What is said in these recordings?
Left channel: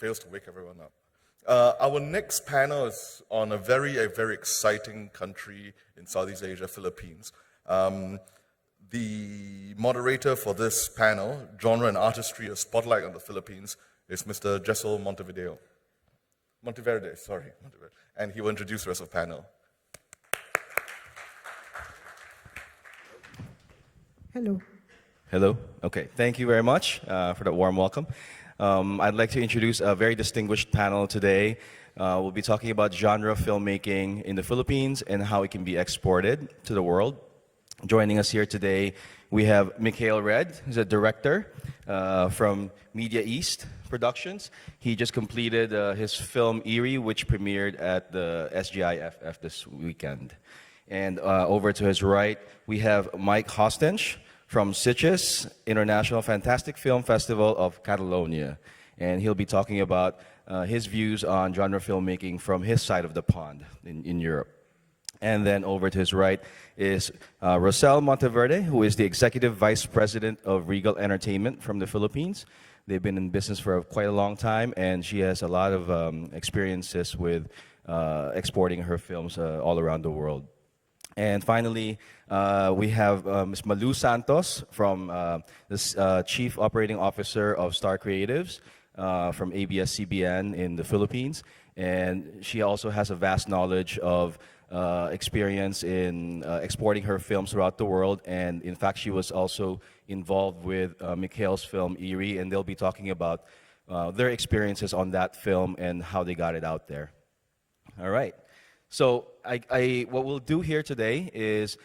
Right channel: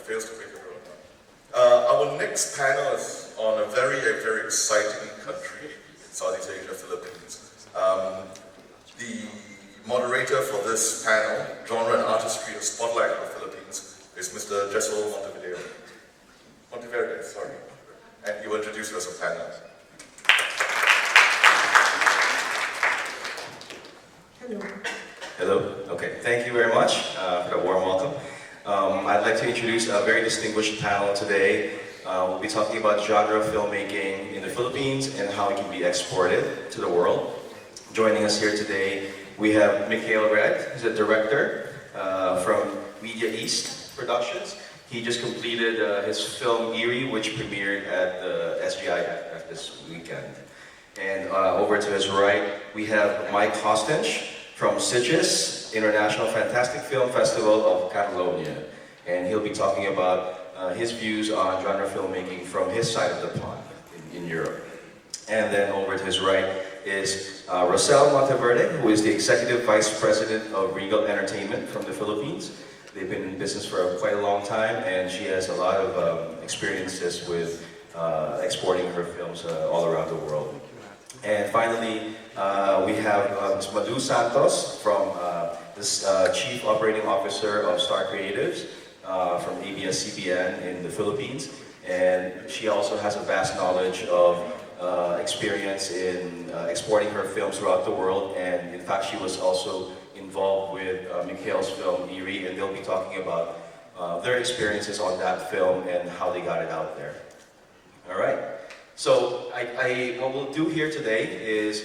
fails to wake up around. Our next panel is on a very exciting country in Southeast Asia, Philippines. The moderator for this panel, Genre and Artistry, Spotlight in the Philippines, is Mr. Jessel Monteverde, sorry. And he will introduce us to the panel. Hello. Hello. Okay, thank you very much for the warm welcome. I'd like to introduce a very distinguished panel today. We'll be talking about genre filmmaking in the Philippines and how it can be exported to the world. Joining us here today, we have Mikhail Red, who's a director from Media East Productions. He just completed his film Eerie, which premiered at the SGIF this weekend. And over to his right, we have Mike Hostinch from Sitges International Fantastic Film Festival of Catalonia. And he'll be talking about his views on genre filmmaking from his side of the pond in Europe. And then over to his right is Rosel Monteverde, who is the Executive Vice President of Regal Entertainment from the Philippines. They've been in business for quite a long time, and she has a lot of experiences with exporting her films all around the world. And finally, we have Ms. Manu Santos, from this Chief Operating Officer of Star Creatives from ABS-CBN in the Philippines. And she also has a vast knowledge of experience in exporting her films throughout the world. And in fact, she was also involved with Mikhail's film Eerie, and they'll be talking about their experiences on that film and how they got it out there. All right. So what we'll do here today is,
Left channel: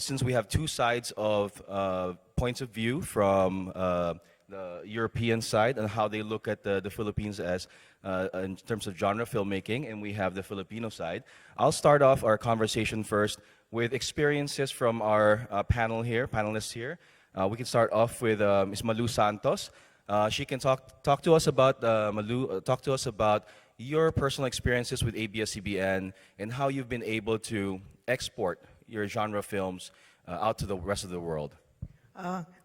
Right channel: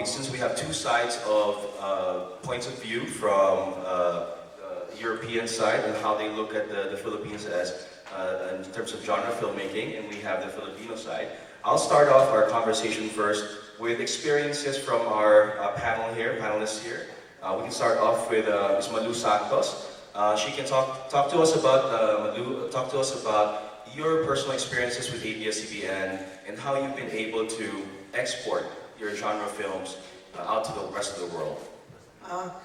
since we have two sides of points of view from the European side and how they look at the Philippines as in terms of genre filmmaking, and we have the Filipino side, I'll start off our conversation first with experiences from our panelists here. We can start off with Ms. Manu Santos. She can talk to us about your personal experiences with ABS-CBN and how you've been able to export your genre films out to the rest of the world.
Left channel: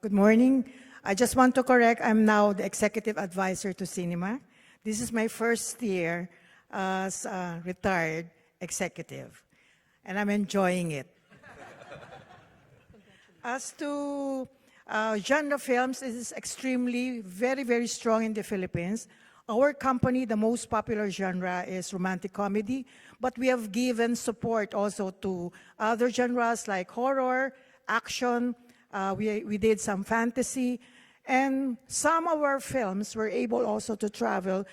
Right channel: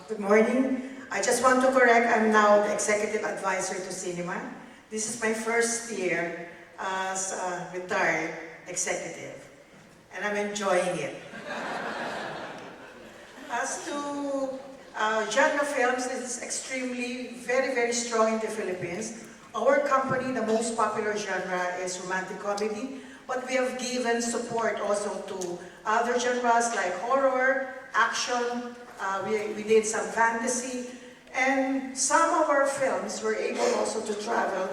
Good morning. I just want to correct, I'm now Executive Advisor to Cinema. This is my first year as a retired executive, and I'm enjoying it. As to genre films, it is extremely, very strong in the Philippines. Our company, the most popular genre is romantic comedy, but we have given support also to other genres like horror, action, we did some fantasy, and some of our films were able also to travel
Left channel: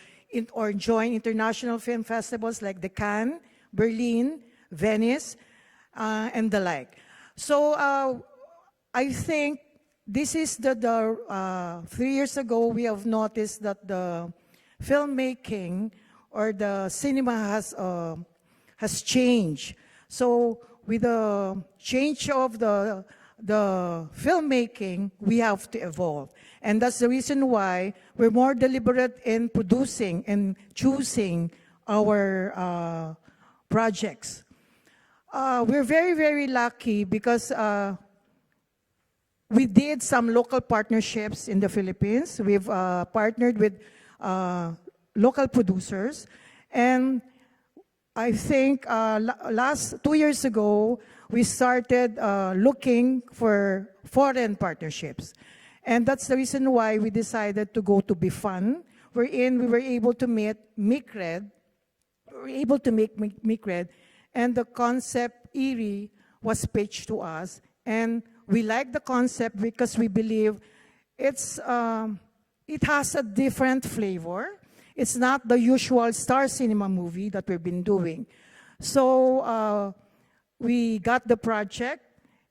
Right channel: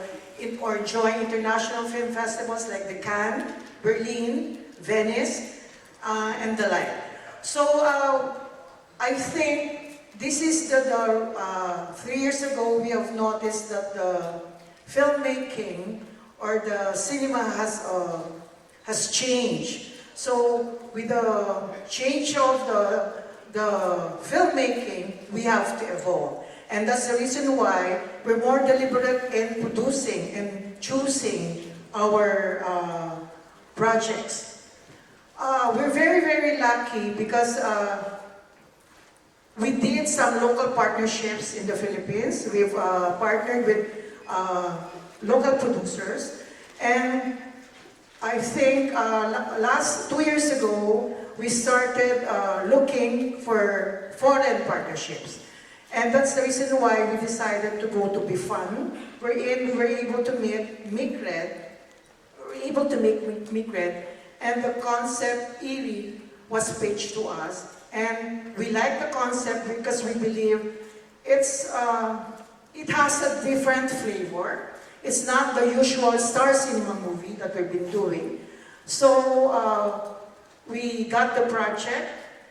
or join international film festivals like the Cannes, Berlin, Venice, and the like. So I think this is 3 years ago we have noticed that the filmmaking or the cinema has changed. So with the change of the filmmaking, we have to evolve. And that's the reason why we're more deliberate in producing and choosing our projects. We're very lucky because we did some local partnerships in the Philippines. We've partnered with local producers, and I think last 2 years ago we started looking for foreign partnerships, and that's the reason why we decided to go to BIFAN. We were able to meet Mikred, and the concept Eerie was pitched to us, and we like the concept because we believe it has a different flavor. It's not the usual Star Cinema movie that we've been doing. So we got the project,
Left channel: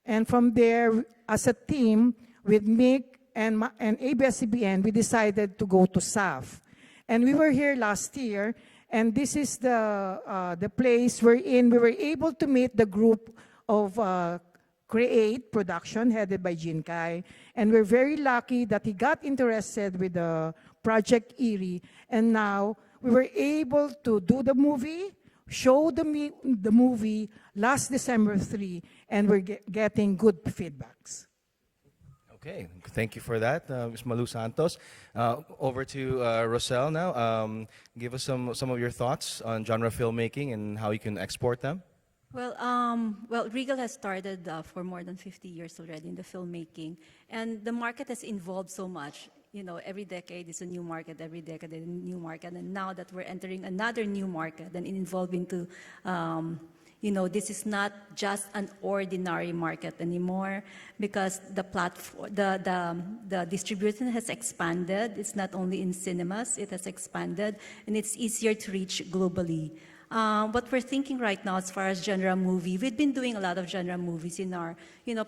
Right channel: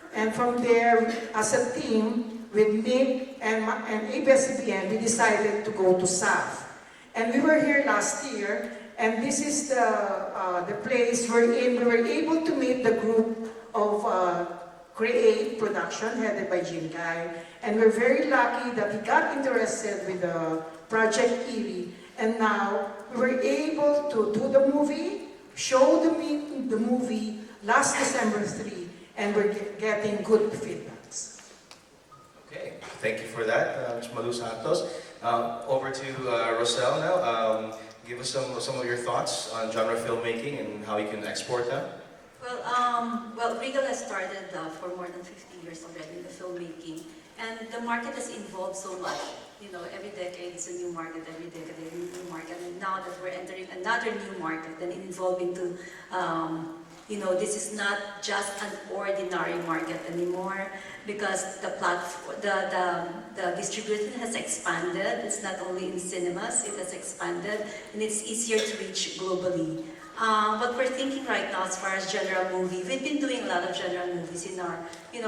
and from there, as a team, with me and ABS-CBN, we decided to go to SAF. And we were here last year, and this is the place wherein we were able to meet the group of Create Production, headed by Jinkai. And we're very lucky that he got interested with the Project Eerie. And now we were able to do the movie, show the movie last December 3, and we're getting good feedbacks. Okay, thank you for that, Ms. Manu Santos. Over to Rosel now. give us some of your thoughts on genre filmmaking and how you can export that? Well, Regal has started for more than 50 years already in the filmmaking, and the market has evolved so much. You know, every decade it's a new market, every decade a new market, and now that we're entering another new market and evolving into, this is not just an ordinary market anymore because the distribution has expanded. It's not only in cinemas, it has expanded, and it's easier to reach globally. What we're thinking right now as far as genre movie, we've been doing a lot of genre movies in our,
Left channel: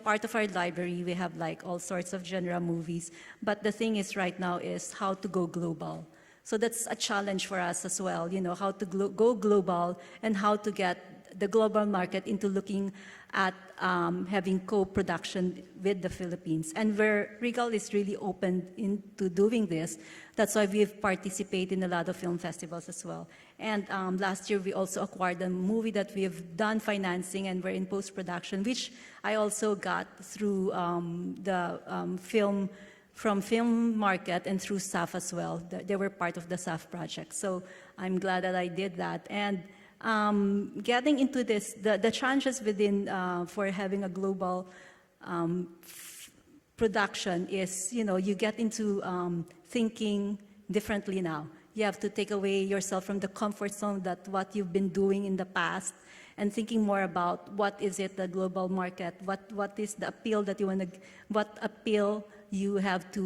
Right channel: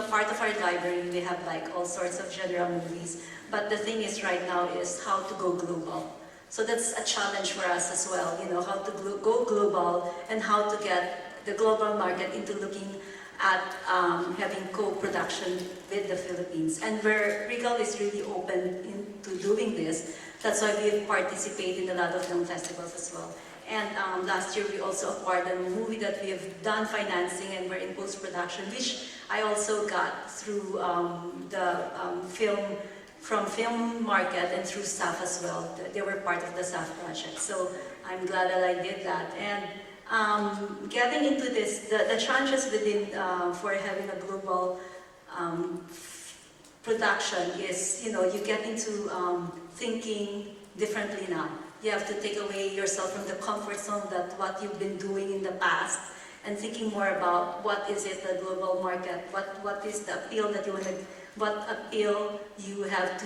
part of our library, we have like all sorts of genre movies. But the thing is right now is how to go global. So that's a challenge for us as well, how to go global and how to get the global market into looking at having co-production with the Philippines. And where Regal is really open into doing this, that's why we've participated in a lot of film festivals as well. And last year we also acquired a movie that we've done financing and we're in post-production, which I also got through the film market and through SAF as well. They were part of the SAF project. So I'm glad that I did that. And getting into this, the challenges within for having a global production is, you get into thinking differently now. You have to take away yourself from the comfort zone that what you've been doing in the past and thinking more about what is it the global market, what is the appeal that you want to, what appeal you have to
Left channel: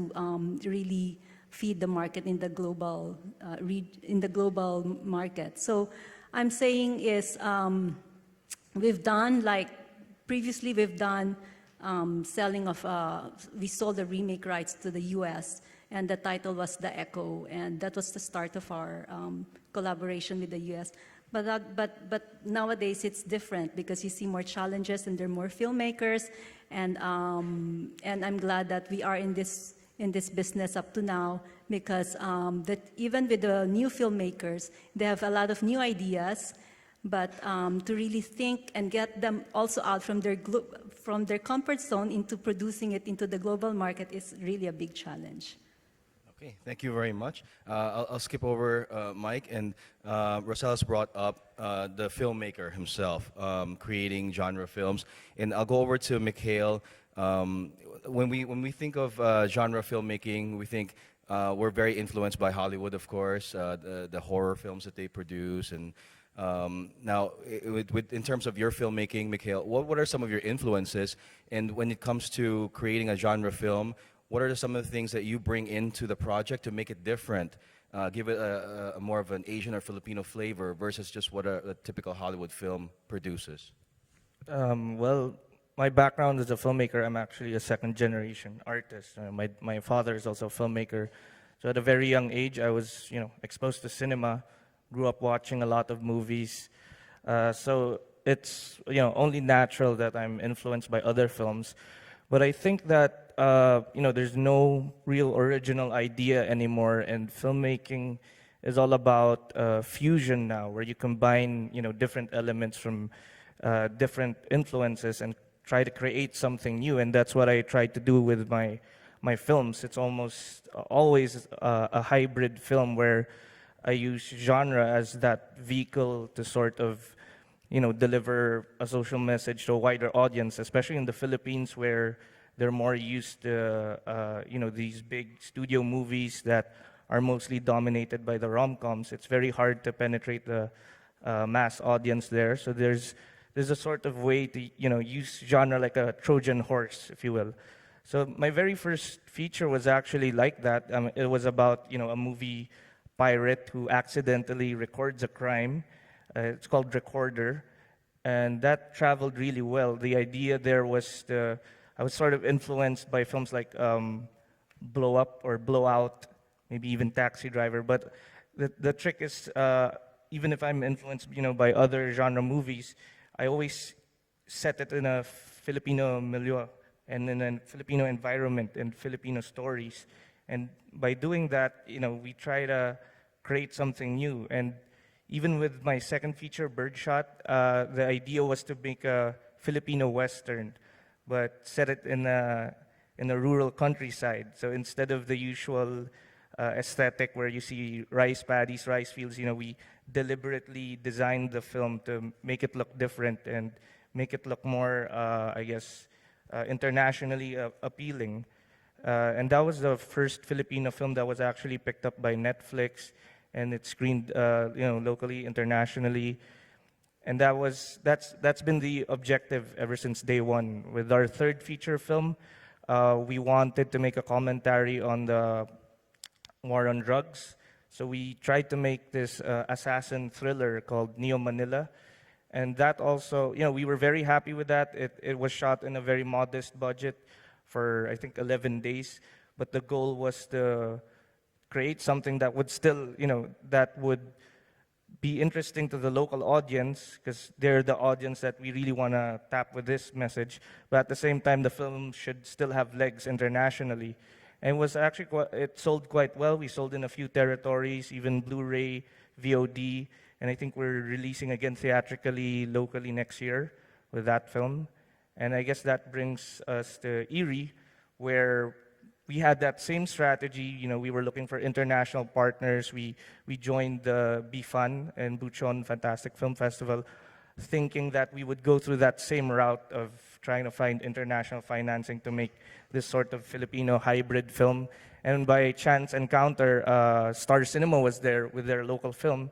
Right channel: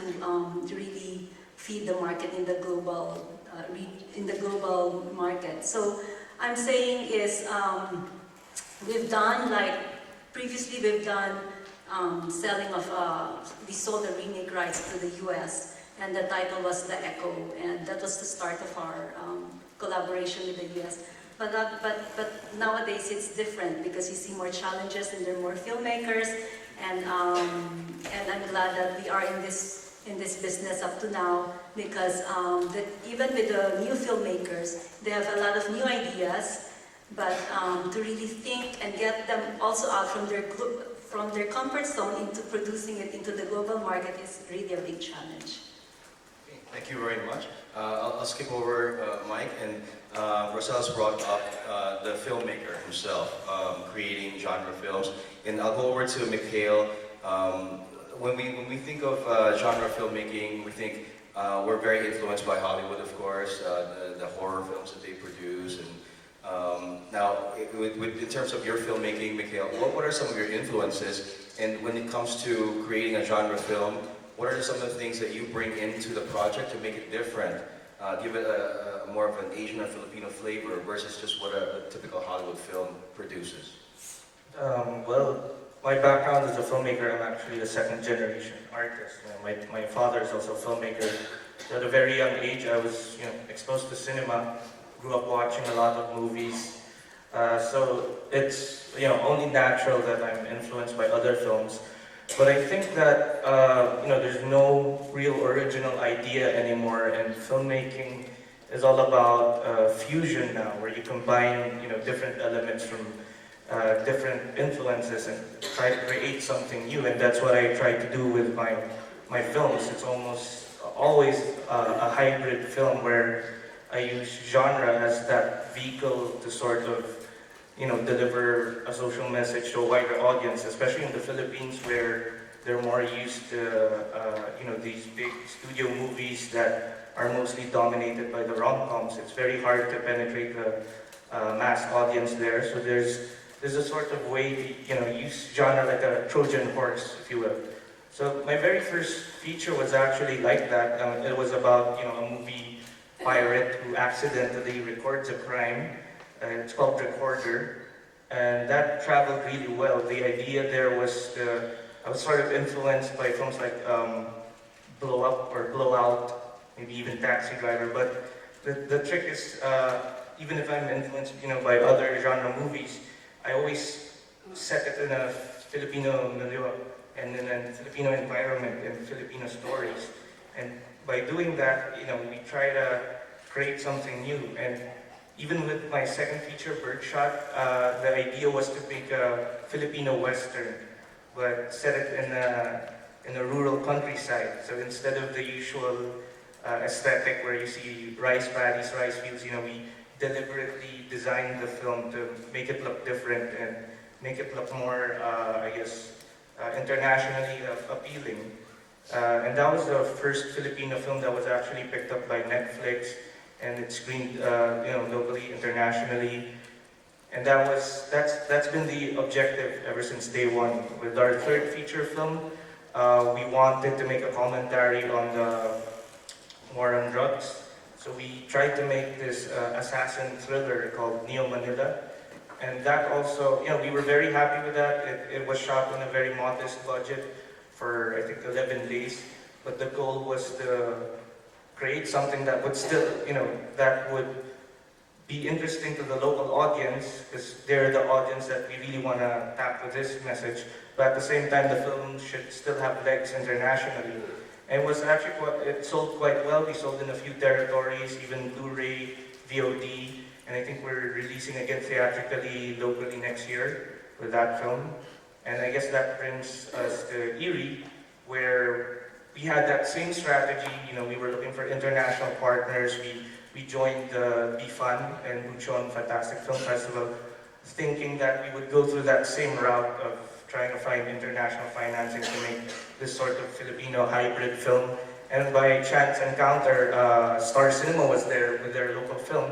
really feed the market in the global market. So I'm saying is we've done previously we've done selling of we sold the remake rights to the US. And the title was The Echo, and that was the start of our collaboration with the US. But nowadays it's different because you see more challenges and there are more filmmakers, and I'm glad that we are in this business up to now because even with the new filmmakers, they have a lot of new ideas, but to really think and get them also out from their comfort zone into producing it into the global market is really a big challenge. Thank you very much. I'll skip over Mike, and Roselle's brought up the filmmaker himself, creating genre films. And I'll go over to Mikhail. When we think of genre filmmaking, we think we're very influenced by Hollywood, of course, the horror films that they produce. And now, in terms of your filmmaking, Mikhail, what are some of your influences? And when it comes to creating a genre film, what are some of the things that you bring into the project to make it different? Give it a more of an Asian or Filipino flavor versus just what a typical Hollywood film produces. Well, my background as a filmmaker, I'm actually a second generation artist. My father is also a filmmaker. So at a very young age, I was exposed to cinema, grew up watching a lot of movies. So it's only natural that I'm influenced by other films. But I think that there's no real original idea anymore, and filmmaking is all about fusion now, where you combine different elements from different influences and try to create something new. And that's what I try to do with my films. It's almost always a hybrid film where I use genre as that vehicle to sort of deliver a social message to a wider audience, especially in the Philippines where they're more used to, these big studio movies that are mostly dominated by the rom-coms. It's very hard to penetrate the mass audience there. So there's a sort of way to, use genre like a Trojan horse, if you will. So my very first feature was actually like that. It was about, a movie pirate who accidentally records a crime. It's called Recorder, and that traveled really well. The idea there was, I was sort of influenced by films like Blow Up or Blow Out, maybe even Taxi Driver. But the trick is, even if I'm influenced, by other genre movies, I always set it in a Filipino milieu and in a Filipino environment and Filipino stories. And by doing that, we try to create something new. And even with my second feature, Birdshot, the idea was to make a Filipino Western, but set it in a rural countryside. So instead of the usual aesthetic where you see rice paddies, rice fields. You know, we deliberately designed the film to make it look different and make it look more, internationally appealing. And that was the first Filipino film that was actually picked up by Netflix and it screened, locally, internationally. And that's been the objective ever since day one. With our third feature film, we wanted to make a commentary on the war on drugs. So we tried to make this assassin thriller called Neo Manila. And that also, we were very happy with that. It was shot in a very modest budget for, I think, 11 days. But the goal was to create something that would still, that would be interesting to the local audience, because they're the audience that we really want to tap with this message. But at the same time, the film should still have legs internationally. And it was actually it sold quite well. We sold in a few territories, even Blu-ray, VOD, and I think we're releasing again theatrically locally next year with that film. And I guess that brings us to Erie, where we had that same strategy. We were looking for international partners. We joined the BFAN and Luchon Fantastic Film Festival, thinking that we would go through that same route of trying to find international financing to make this sort of Filipino hybrid film. And by chance encounter, Star Cinema was there with their local film.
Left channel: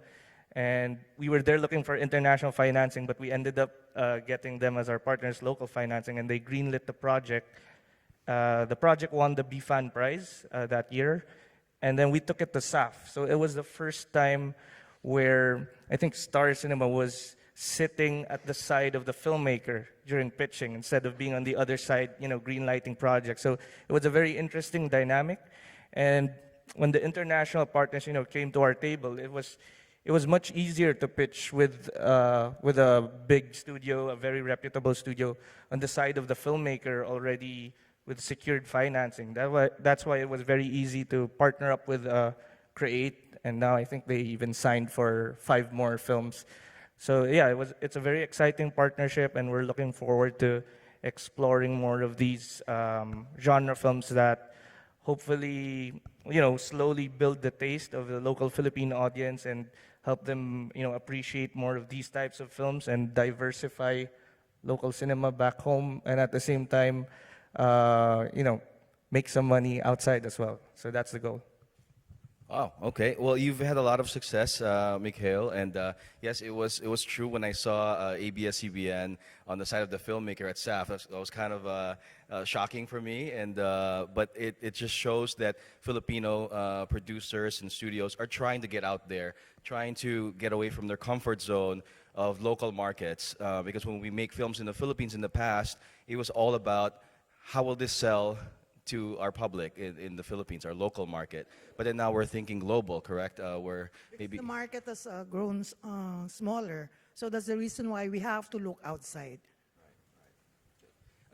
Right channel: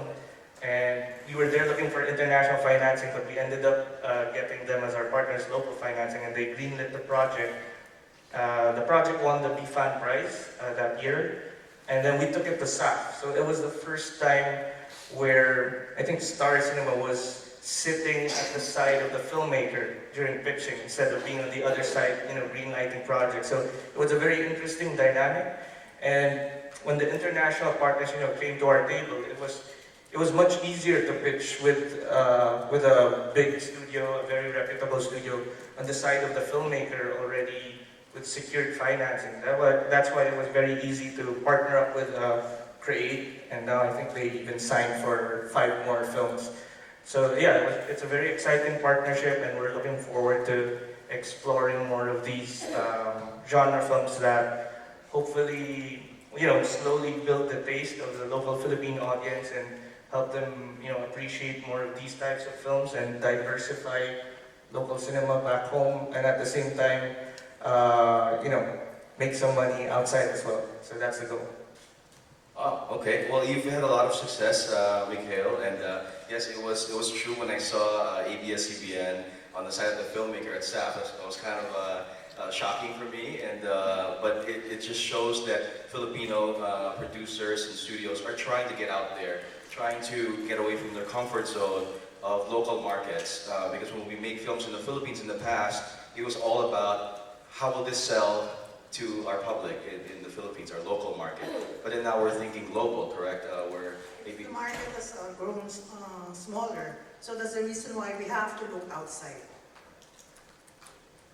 And we were there looking for international financing, but we ended up getting them as our partners, local financing, and they greenlit the project. The project won the BFAN prize that year, and then we took it to SAP. So it was the first time where I think Star Cinema was sitting at the side of the filmmaker during pitching instead of being on the other side, greenlighting projects. So it was a very interesting dynamic. And when the international partners, came to our table, it was much easier to pitch with a big studio, a very reputable studio, on the side of the filmmaker already with secured financing. That's why it was very easy to partner up with Create, and now I think they even signed for 5 more films. So yeah, it's a very exciting partnership, and we're looking forward to exploring more of these genre films that hopefully, slowly build the taste of the local Philippine audience and help them, appreciate more of these types of films and diversify local cinema back home, and at the same time, make some money outside as well. So that's the goal. Oh, okay. Well, you've had a lot of success, Mikhail, and yes, it was true when I saw ABS-CBN on the side of the filmmaker at SAP. It was kind of shocking for me, and but it just shows that Filipino producers and studios are trying to get out there, trying to get away from their comfort zone of local markets. Because when we make films in the Philippines in the past, it was all about how will this sell to our public in the Philippines, our local market. But then now we're thinking global, correct? The market has grown smaller, so that's the reason why we have to look outside.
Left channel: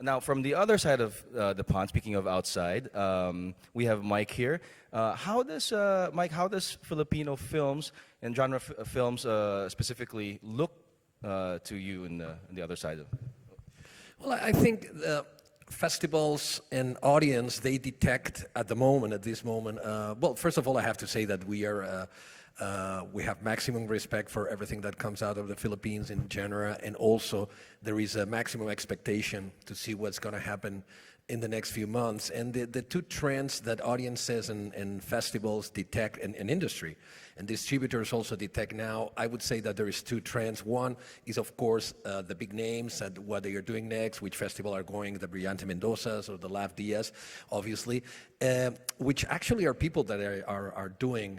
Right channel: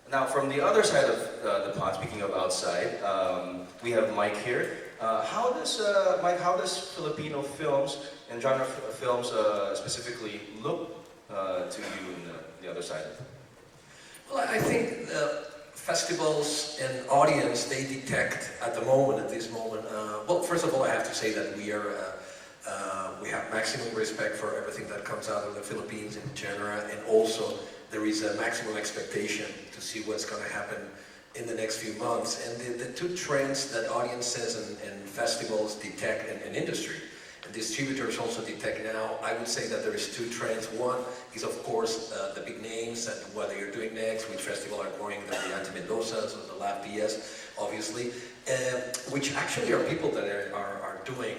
Now, from the other side of the pond, speaking of outside, we have Mike here. How does Filipino films and genre films specifically look to you on the other side? Well, I think festivals and audience, they detect at this moment. Well, first of all, I have to say that we have maximum respect for everything that comes out of the Philippines in general, and also there is a maximum expectation to see what's going to happen in the next few months. And the two trends that audiences and festivals detect, and industry and distributors also detect now, I would say that there's two trends. One is, of course, the big names, what you're doing next, which festival are going, the Brilliant Mendozas or the Laugh Diaz, obviously, which actually are people that are doing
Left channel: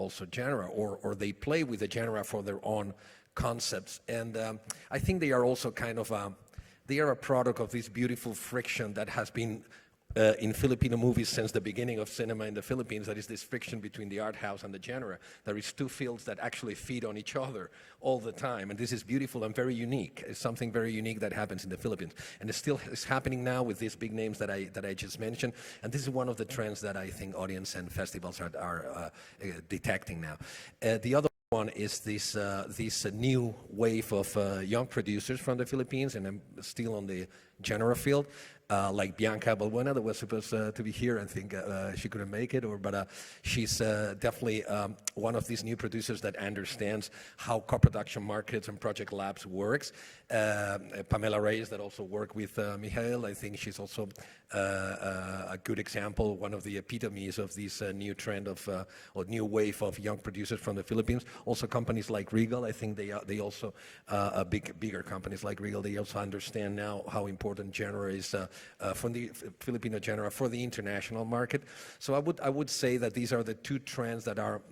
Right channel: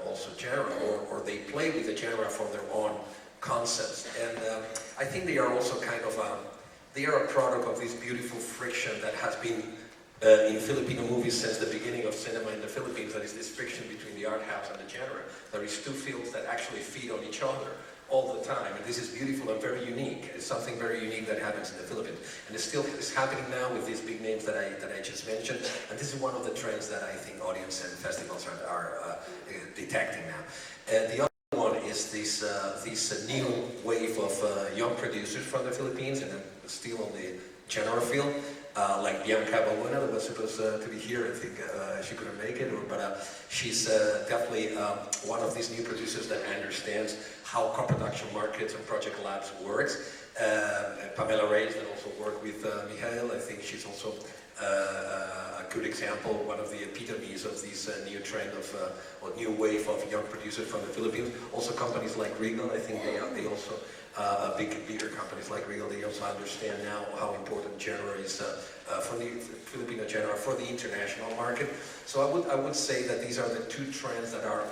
also genre, or they play with the genre for their own concepts. And I think they are also kind of, they are a product of this beautiful friction that has been in Filipino movies since the beginning of cinema in the Philippines. There is this friction between the art house and the genre. There is two fields that actually feed on each other all the time. And this is beautiful and very unique. It's something very unique that happens in the Philippines. And it still is happening now with these big names that I just mentioned. And this is one of the trends that I think audience and festivals are detecting now. The other one is this new wave of young producers from the Philippines, and still on the general field. like Bianca Bolena, that was supposed to be here. I think she couldn't make it, but she's definitely one of these new producers that understands how co-production markets and project labs works. Pamela Reyes that also worked with Michael. I think she's also a good example, one of the epitomes of this new trend of or new wave of young producers from the Philippines. Also companies like Regal, I think they also bigger companies like Regal, they also understand now how important genre is for the Filipino genre for the international market. So I would say that these are the two trends that are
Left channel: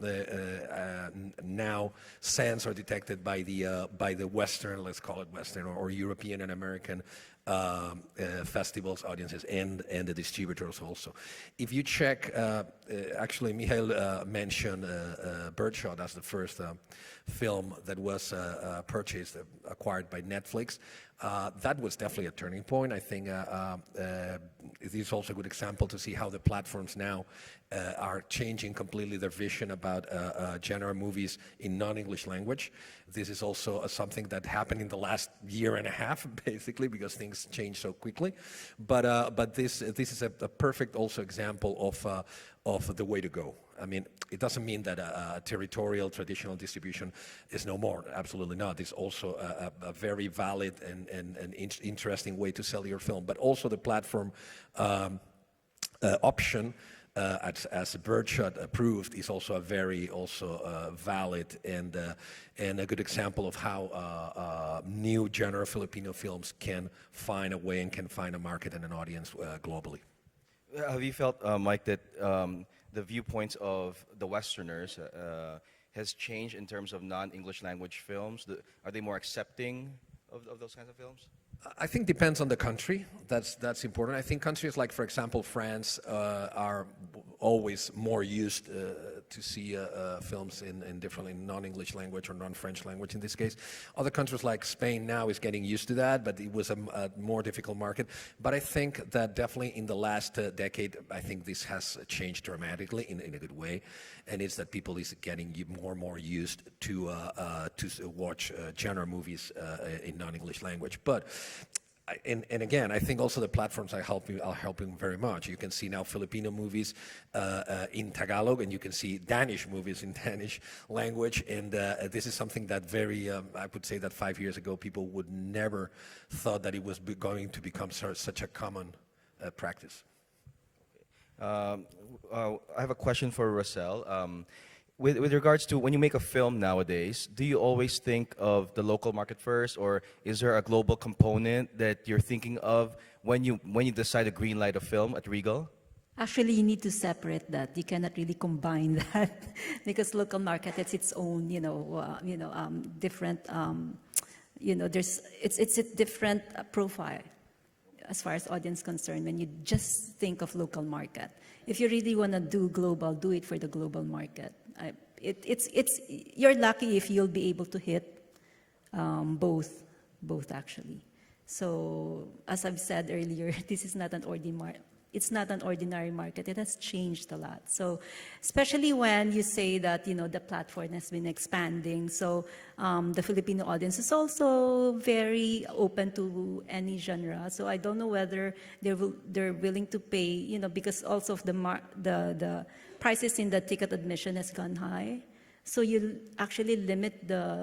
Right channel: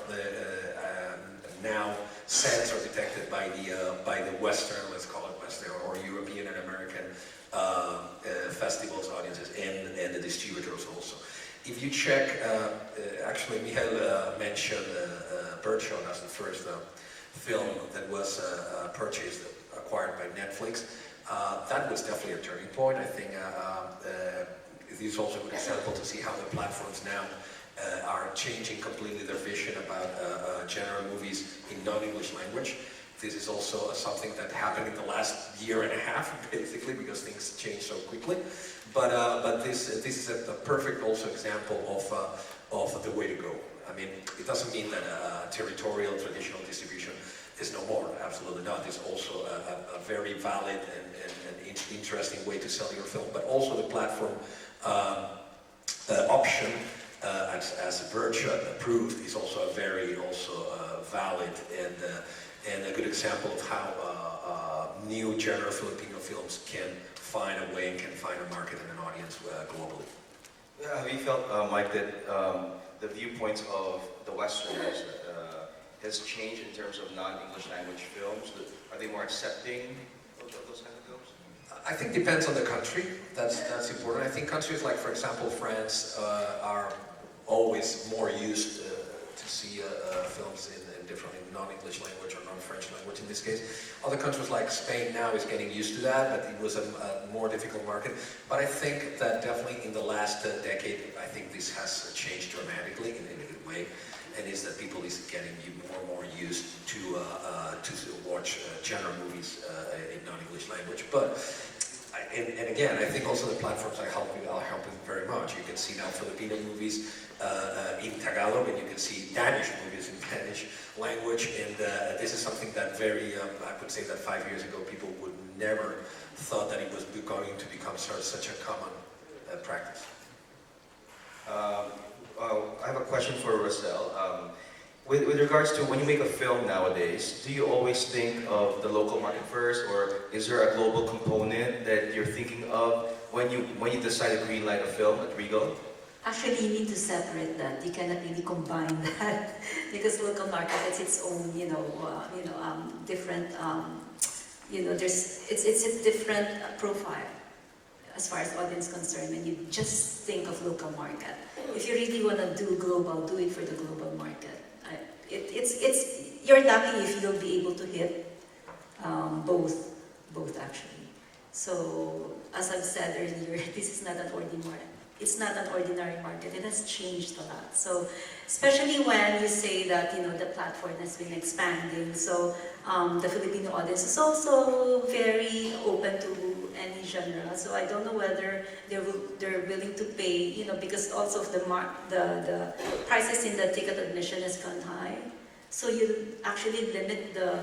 now sensed or detected by the Western, let's call it Western, or European and American festivals, audiences, and the distributors also. If you check, actually we had mentioned Birdshot as the first film that was acquired by Netflix. That was definitely a turning point. I think this is also a good example to see how the platforms now are changing completely their vision about genre movies in non-English language. This is also something that happened in the last year and a half, basically, because things change so quickly. But this is a perfect also example of the way to go. I mean, it doesn't mean that territorial traditional distribution is no more. Absolutely not. It's also a very valid and interesting way to sell your film. But also the platform option, as Birdshot proved, is also a very valid and a good example of how new genre Filipino films can find a way, can find a market and an audience globally. Have you felt, Mike, that the viewpoints of the Westerners has changed in terms of non-English language films? Are they more accepting of those kind of films? I think it depends on the country. That's important. I think countries like, for example, France are always more used to see films in different non-English language or non-French language in this case. Other countries like Spain now is getting used to that, but it was a more difficult market. But I think that definitely in the last decade, I think this has changed dramatically in a good way. And it's that people is getting even more and more used to watch genre movies in non-English language. But and again, I think also the platforms are helping very much. You can see now Filipino movies in Tagalog, and you can see Danish movies in Danish language. And this is something that I would say that 5 years ago people would never thought that it was going to become such a common practice. I have a question for Rosel. With regards to when you make a film nowadays, do you always think of the local market first, or is there a global component that you're thinking of when you decide to greenlight a film at Regal? Actually, you need to separate that. You cannot really combine that because local market has its own, different, it's a different profile as far as audience concerned. When you just think of local market, if you really want to do global, do it for the global market. You're lucky if you'll be able to hit both actually. So as I've said earlier, this is not an ordinary market. It's not an ordinary market. It has changed a lot. So especially when you say that the platform has been expanding. So the Filipino audience is also very open to any genre. So I don't know whether they're willing to pay, because also of the prices in the ticket admission has gone high. So you actually limit the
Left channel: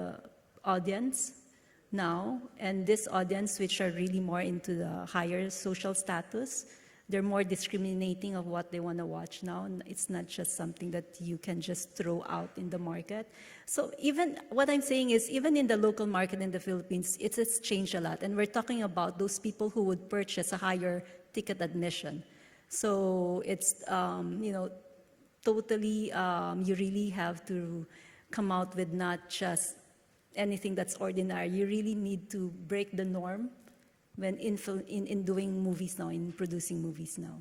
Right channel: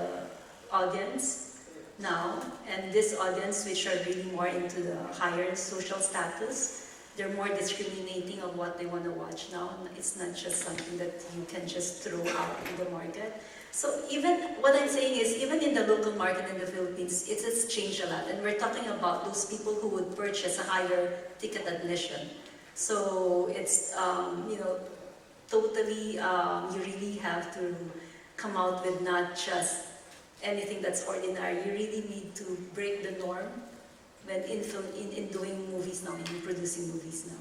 audience now, and this audience which are really more into the higher social status, they're more discriminating of what they want to watch now. It's not just something that you can just throw out in the market. So even, what I'm saying is, even in the local market in the Philippines, it has changed a lot. And we're talking about those people who would purchase a higher ticket admission. So it's, totally, you really have to come out with not just anything that's ordinary. You really need to break the norm when in doing movies now, in producing movies now.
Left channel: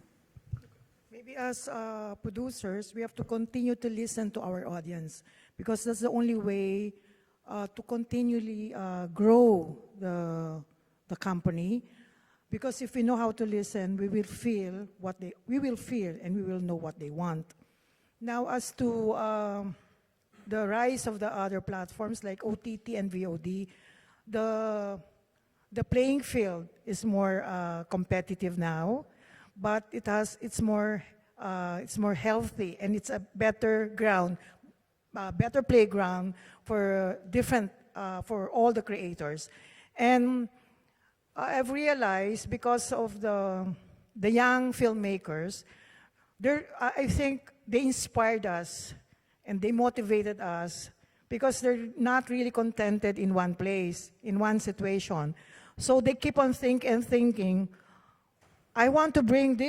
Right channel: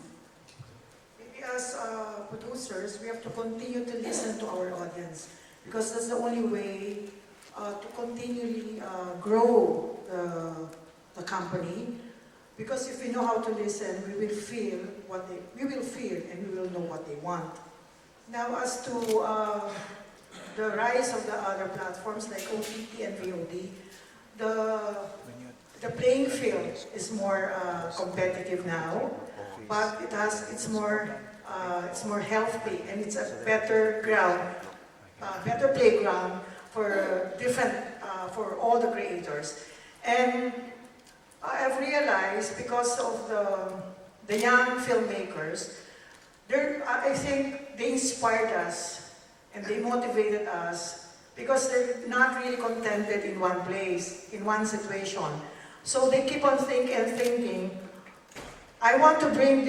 Maybe as producers, we have to continue to listen to our audience because that's the only way to continually grow the company. Because if we know how to listen, we will feel and we will know what they want. Now, as to the rise of the other platforms like OTT and VOD, the playing field is more competitive now, but it's more healthy, and it's a better ground, better playground for different for all the creators. And I've realized because of the young filmmakers, I think they inspired us and they motivated us because they're not really contented in one place, in one situation. So they keep on thinking, I want to bring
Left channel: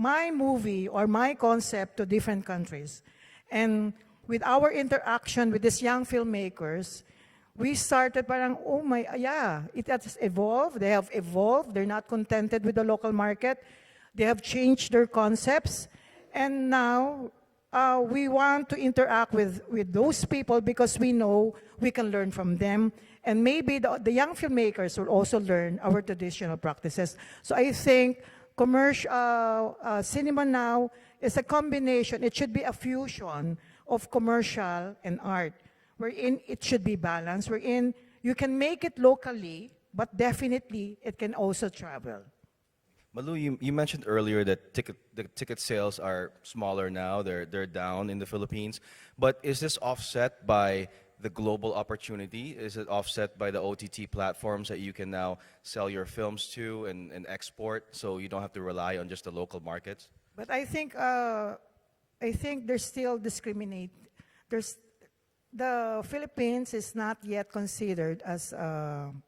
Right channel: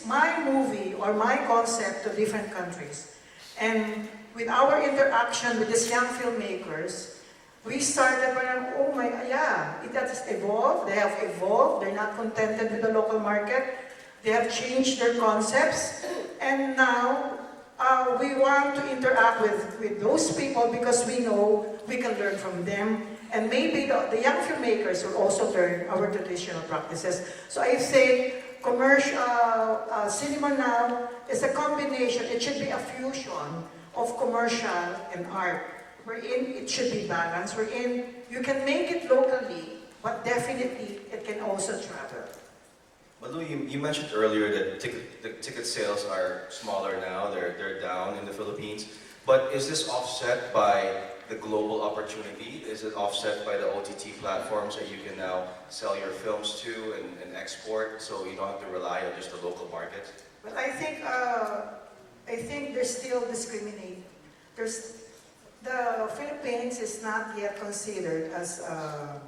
my movie or my concept to different countries. And with our interaction with these young filmmakers, we started by, oh my, yeah, it has evolved, they have evolved, they're not contented with the local market, they have changed their concepts, and now we want to interact with those people because we know we can learn from them, and maybe the young filmmakers will also learn our traditional practices. So I think commercial cinema now is a combination, it should be a fusion of commercial and art, wherein it should be balanced, wherein you can make it locally, but definitely it can also travel. Malu, you mentioned earlier that the ticket sales are smaller now, they're down in the Philippines, but is this offset by the global opportunity? Is it offset by the OTT platforms that you can now sell your films to and export, so you don't have to rely on just the local markets? But I think there's still discriminate. The Philippines is not yet considered as a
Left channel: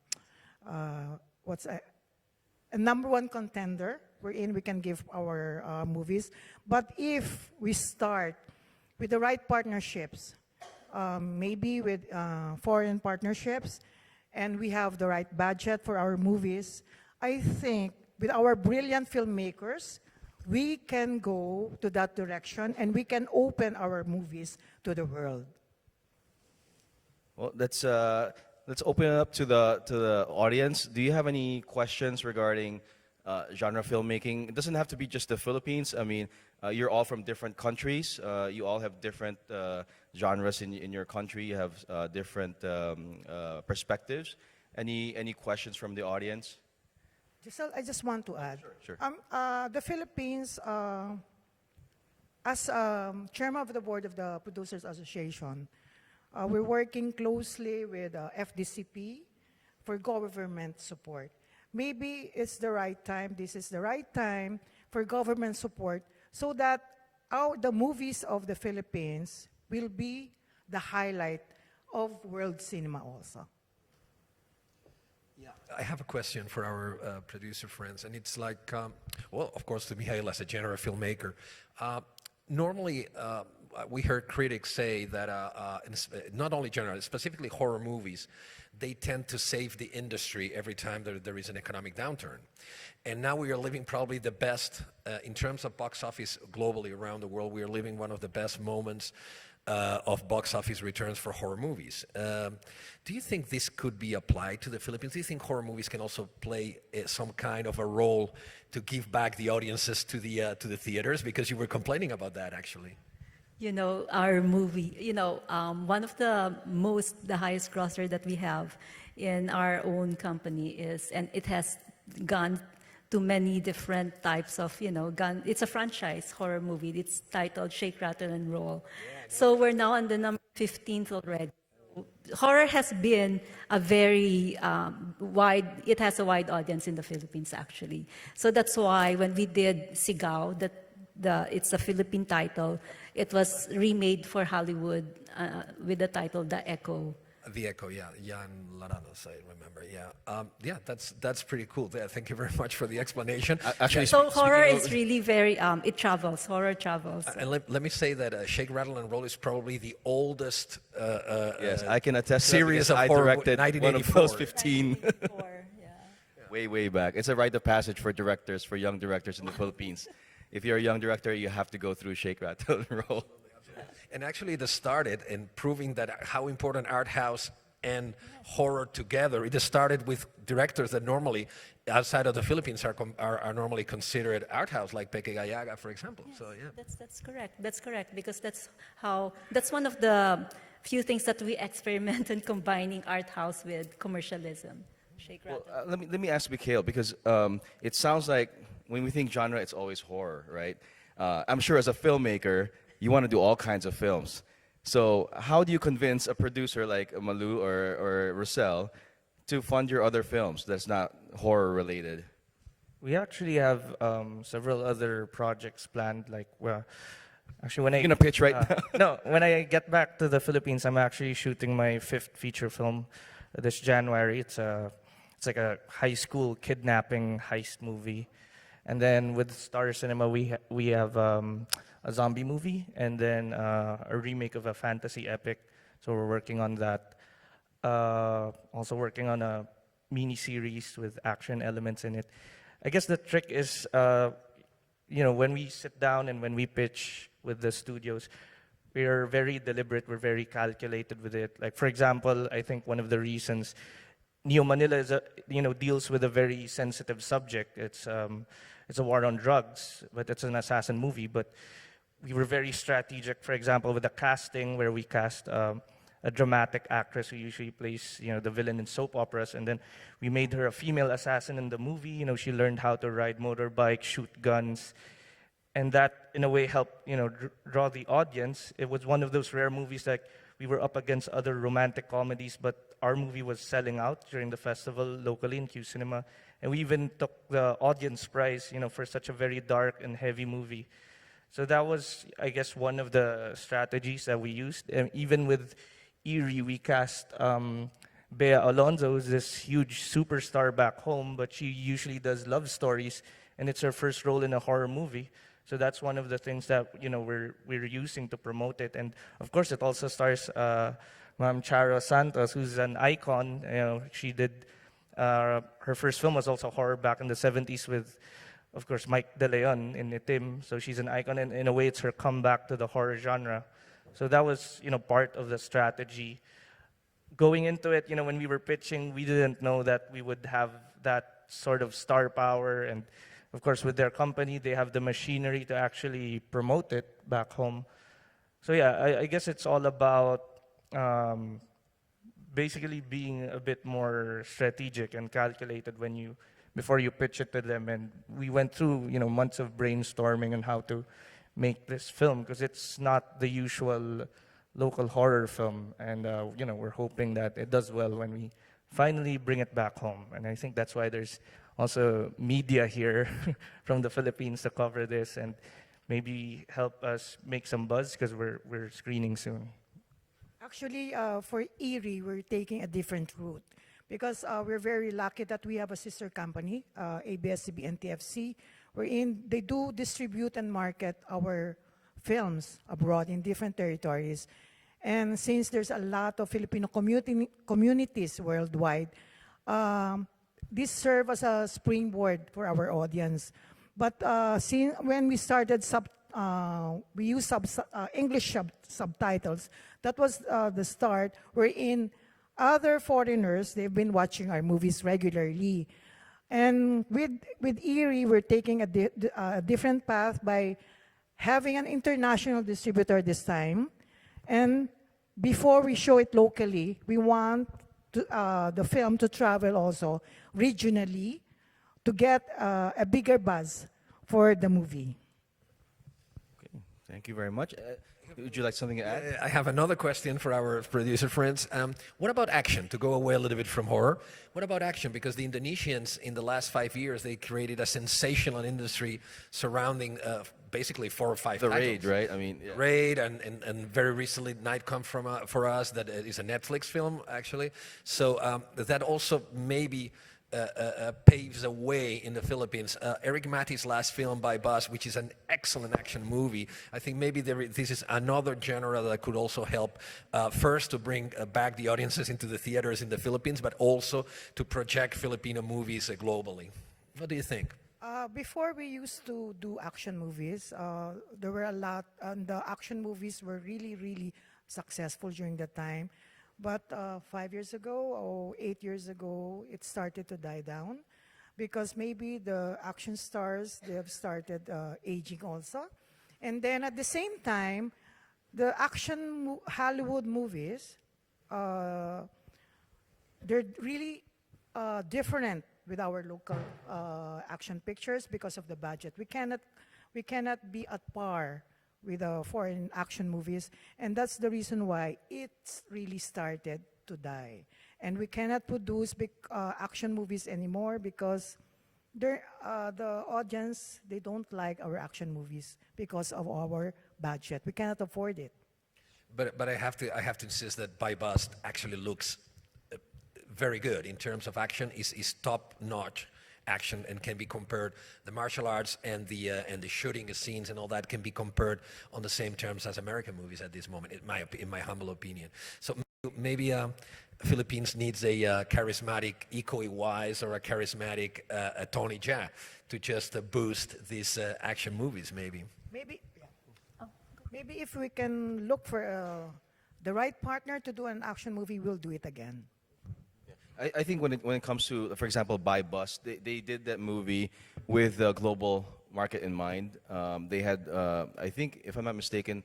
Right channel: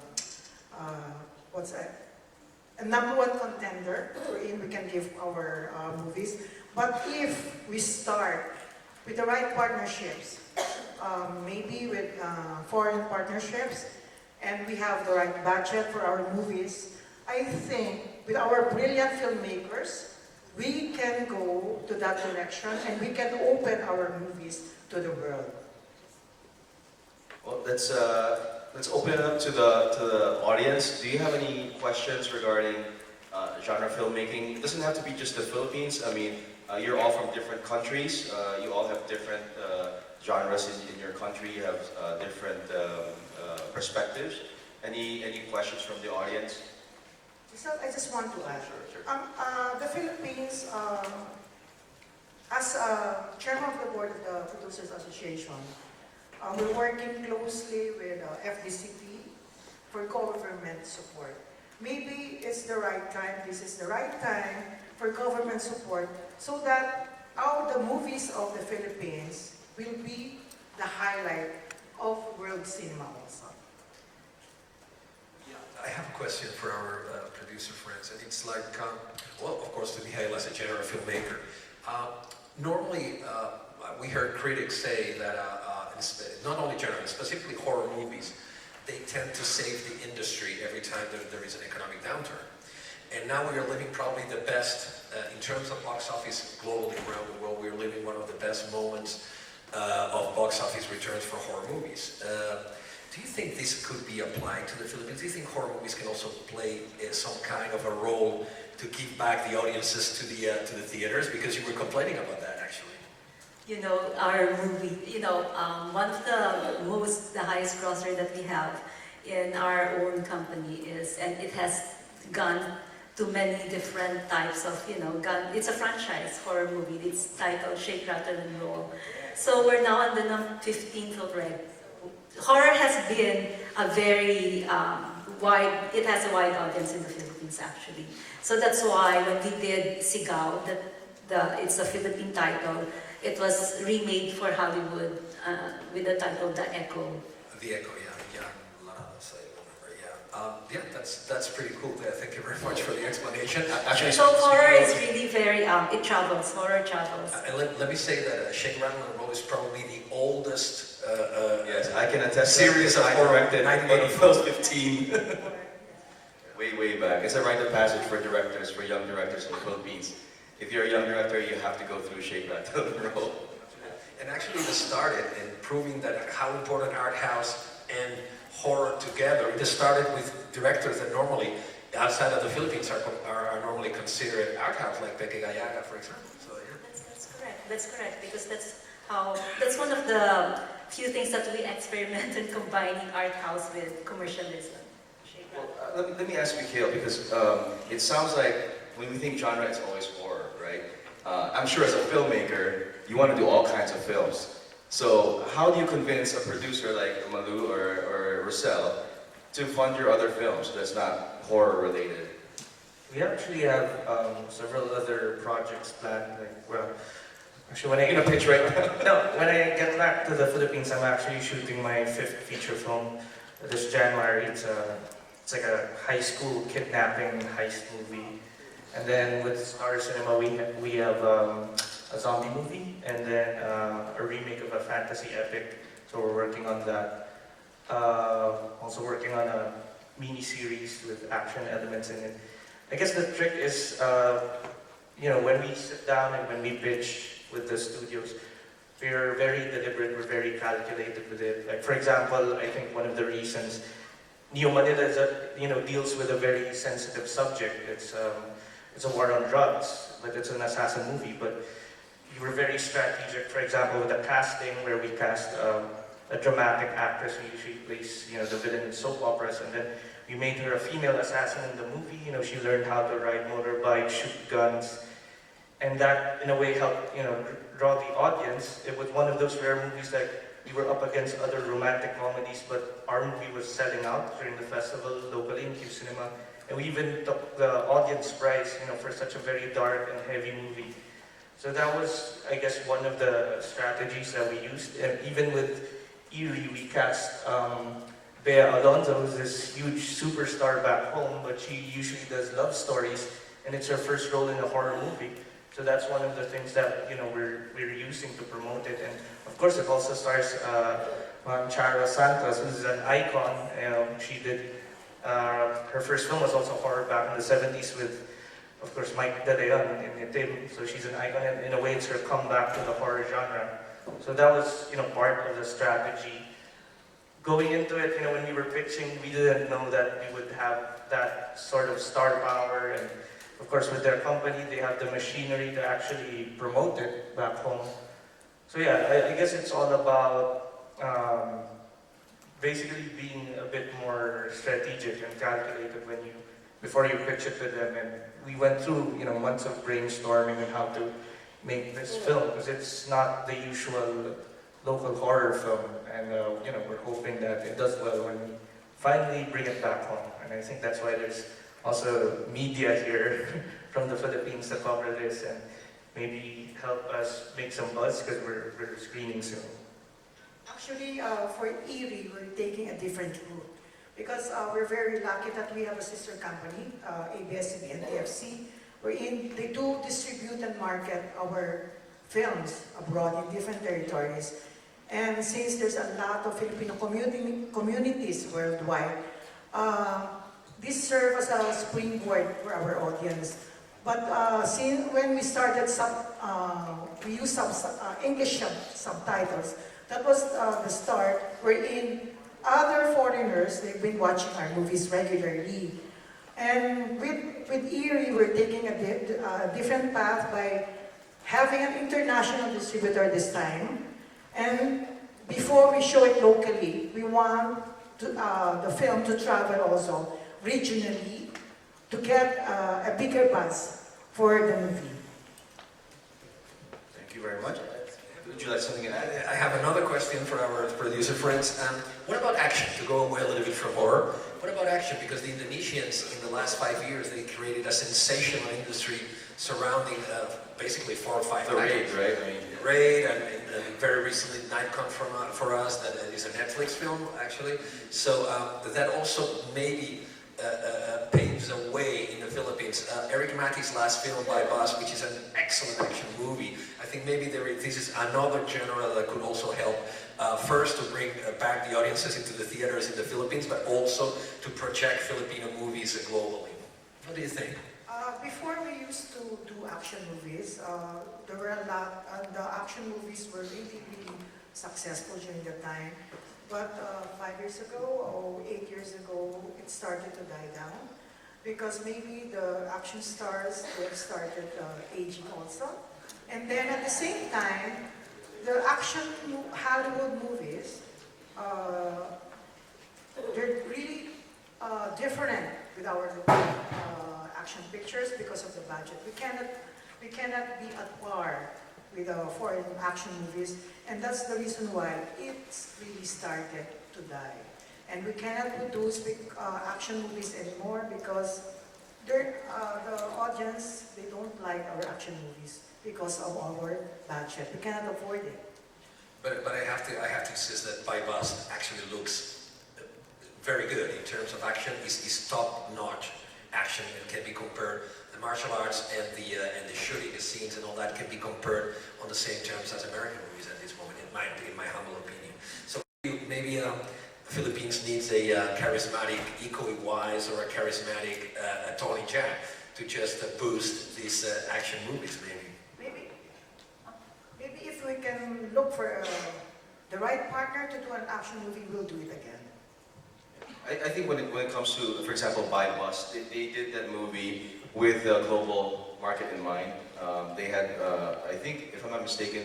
number one contender wherein we can give our movies. But if we start with the right partnerships, maybe with foreign partnerships, and we have the right budget for our movies, I think with our brilliant filmmakers, we can go to that direction and we can open our movies to the world. Well, let's open it up to the audience. Do you have any questions regarding genre filmmaking? It doesn't have to be just the Philippines. I mean, you're all from different countries. You all have different genres in your country. You have different perspectives. Any questions from the audience? So I just want to add, the Philippines, as chairman of the board of the Producers Association, we're working closely with FDCP for government support. Maybe it's the right time, this is the right time for government support so that the movies of the Philippines will be the highlight of world cinema also. I have a question for our producer friends, and it's like, well, of course, to be hailed as a genre filmmaker. Normally, we heard critics say that not only genre, specifically horror movies, they tend to save the industry every time there is an economic downturn. And now we're living probably the best, in terms of box office globally around the world, we're living one of the best moments of box office returns for horror movies. Do you think this could be applied to the Philippines? Do you think horror movies can also play some kind of a role to give back the audiences to the theaters? Because you were complaining about that, actually. You know, our movie, one of the highest grosser that we have in our own company is, and it has gone to many different types of, it's a franchise for a movie. It's titled Shake, Rattle, and Roll. So we're now on the 15th already. Horror has been a very it has a wide audience in the Philippines actually. So that's why when we did Sigaw, it's a Philippine title, it was remade for Hollywood with the title The Echo. The Echo, yeah. Yeah, that's pretty cool. Thank you very much for the explanation. So horror is really very, it travels, horror travels. And let me say that Shake, Rattle, and Roll is probably the oldest Yes, I can attest. series of horror that Close 15. way back. It's a rite of passage for directors, for young directors in the Philippines. If you're a young director, you have to go through Shake, Rattle, and Roll. And actually, it started in proving that how important art house and horror together. It started with directors that normally, outside of the Philippines, are normally considered art house, like Peque Gallaga, for example. So, yeah. That's correct, because that's one of the few things that we experiment in combining art house with commercialism. Let me ask Mikhail, because it sounds like when we think genre, it's always horror, right? I'm sure as a filmmaker, you want to do all kinds of films. So how do you convince a producer like Malu or Rosel to fund your other films that's not horror related? We actually have several other projects planned. Actually, when I pitch right no, when I get back to the Philippines, I'm actually shooting my 5th feature film this January. It's like a high school kidnapping heist movie. And then with Star Cinema, we have a zombie movie, and then a remake of a fantasy epic. So we're working on that. Also working on a mini series with action elements in it. I guess the trick is, when we sit down and when we pitch with the studios, we're very deliberate, we're very calculated with it. Like, for example, I think one of the reasons Neo Manila deals with a very sensitive subject. It's a war on drugs, but it's an assassin movie. But we were very strategic. For example, with the casting, where we cast a dramatic actress who usually plays the villain in soap operas, and then we made her a female assassin in the movie. She learned how to ride motorbike, shoot guns, and that in a way helped draw the audience. It was one of those rare movies that we were up against other romantic comedies, but our movie was selling out during the festival locally in Q Cinema, and we even took the audience prize, for such a very dark and heavy movie. So that was, I guess, one of the strategies that we used. And even with Eerie, we cast Bea Alonzo, this huge superstar back home, but she usually does love stories, and it's her first role in a horror movie. So that's one of the things that we're using to promote it. And of course, it also stars Ma'am Charo Santos, who's an icon. She did her first film was also horror back in the 70s with, of course, Mike De Leon in Itim. So she's an icon, and in a way, it's her comeback to the horror genre. So that was part of the strategy. Going into it, when we were pitching, we didn't know that we would have that sort of star power. And of course, with their company, they have the machinery to actually promote it back home. So yeah, I guess it's all about basically being a bit more strategic and calculated before you pitch it to them. And we went through months of brainstorming on how to make this film, because it's not the usual local horror film, and we're hoping that it does well when we finally bring it back home. And I think that's why there's also media here from the Philippines to cover this and maybe help us make some buzz, because we're screening soon. Actually, for Eerie, we're taking a different route because we're very lucky that we have a sister company, ABS-CBN and TFC, wherein they do distribute and market our films abroad in different territories. And since there's a lot of Filipino communities worldwide, this serves as a springboard for our audience. But since when we started, we used some English subtitles. That was the start, wherein other foreigners, they've been watching our movies regularly. And with Eerie, we're taking a different path by having an international distributor this time. And before we show it locally, we want the film to travel also regionally to get a bigger buzz for the movie. Thank you very much. Would you like something to add? I have another question for our producer friends. What about action, to go away a little bit from horror? What about action? Because the Indonesians, in the last 5 years, they created a sensational industry surrounding basically 4 or 5 The Raid, right? Raid, and very recently Night Come for Us, that is a Netflix film, actually. So that also maybe paves a way in the Philippines. Eric Mackey's last film by Buzz, which is an excellent action movie. I think maybe this is another genre that could also help. First, to bring back the audiences into the theaters in the Philippines, but also to project Filipino movies globally. What do you think? Before we used to do action movies, there were a lot, and the action movies were really, really successful during the time. But 5 years ago or 8 years ago, it started to die down because maybe the action stars started aging also. And then at the same time, the action Hollywood movies, they're really different with our action pictures because of the budget. We cannot be at par with our foreign action movies, and that's the reason why it's really started to die. And we cannot produce action movies anymore because the audience, they don't like our action movies because of our budget. We cannot afford it. But I have to insist that By Bus actually looks very good in terms of action. It's top-notch action and can be compared. The martial arts and the shooting scenes and all that can be compared on the same terms as American movies at this moment, in my humble opinion. So maybe Philippines needs a charismatic Iko Wise or a charismatic Tony Jaa to just boost these action movies, maybe. Maybe if we can look for the right partner to do an action movie, we'll do it again. I think when it comes to, for example, By Bus, they did that movie with the global market in mind. They had, I think, if I'm not mistaken,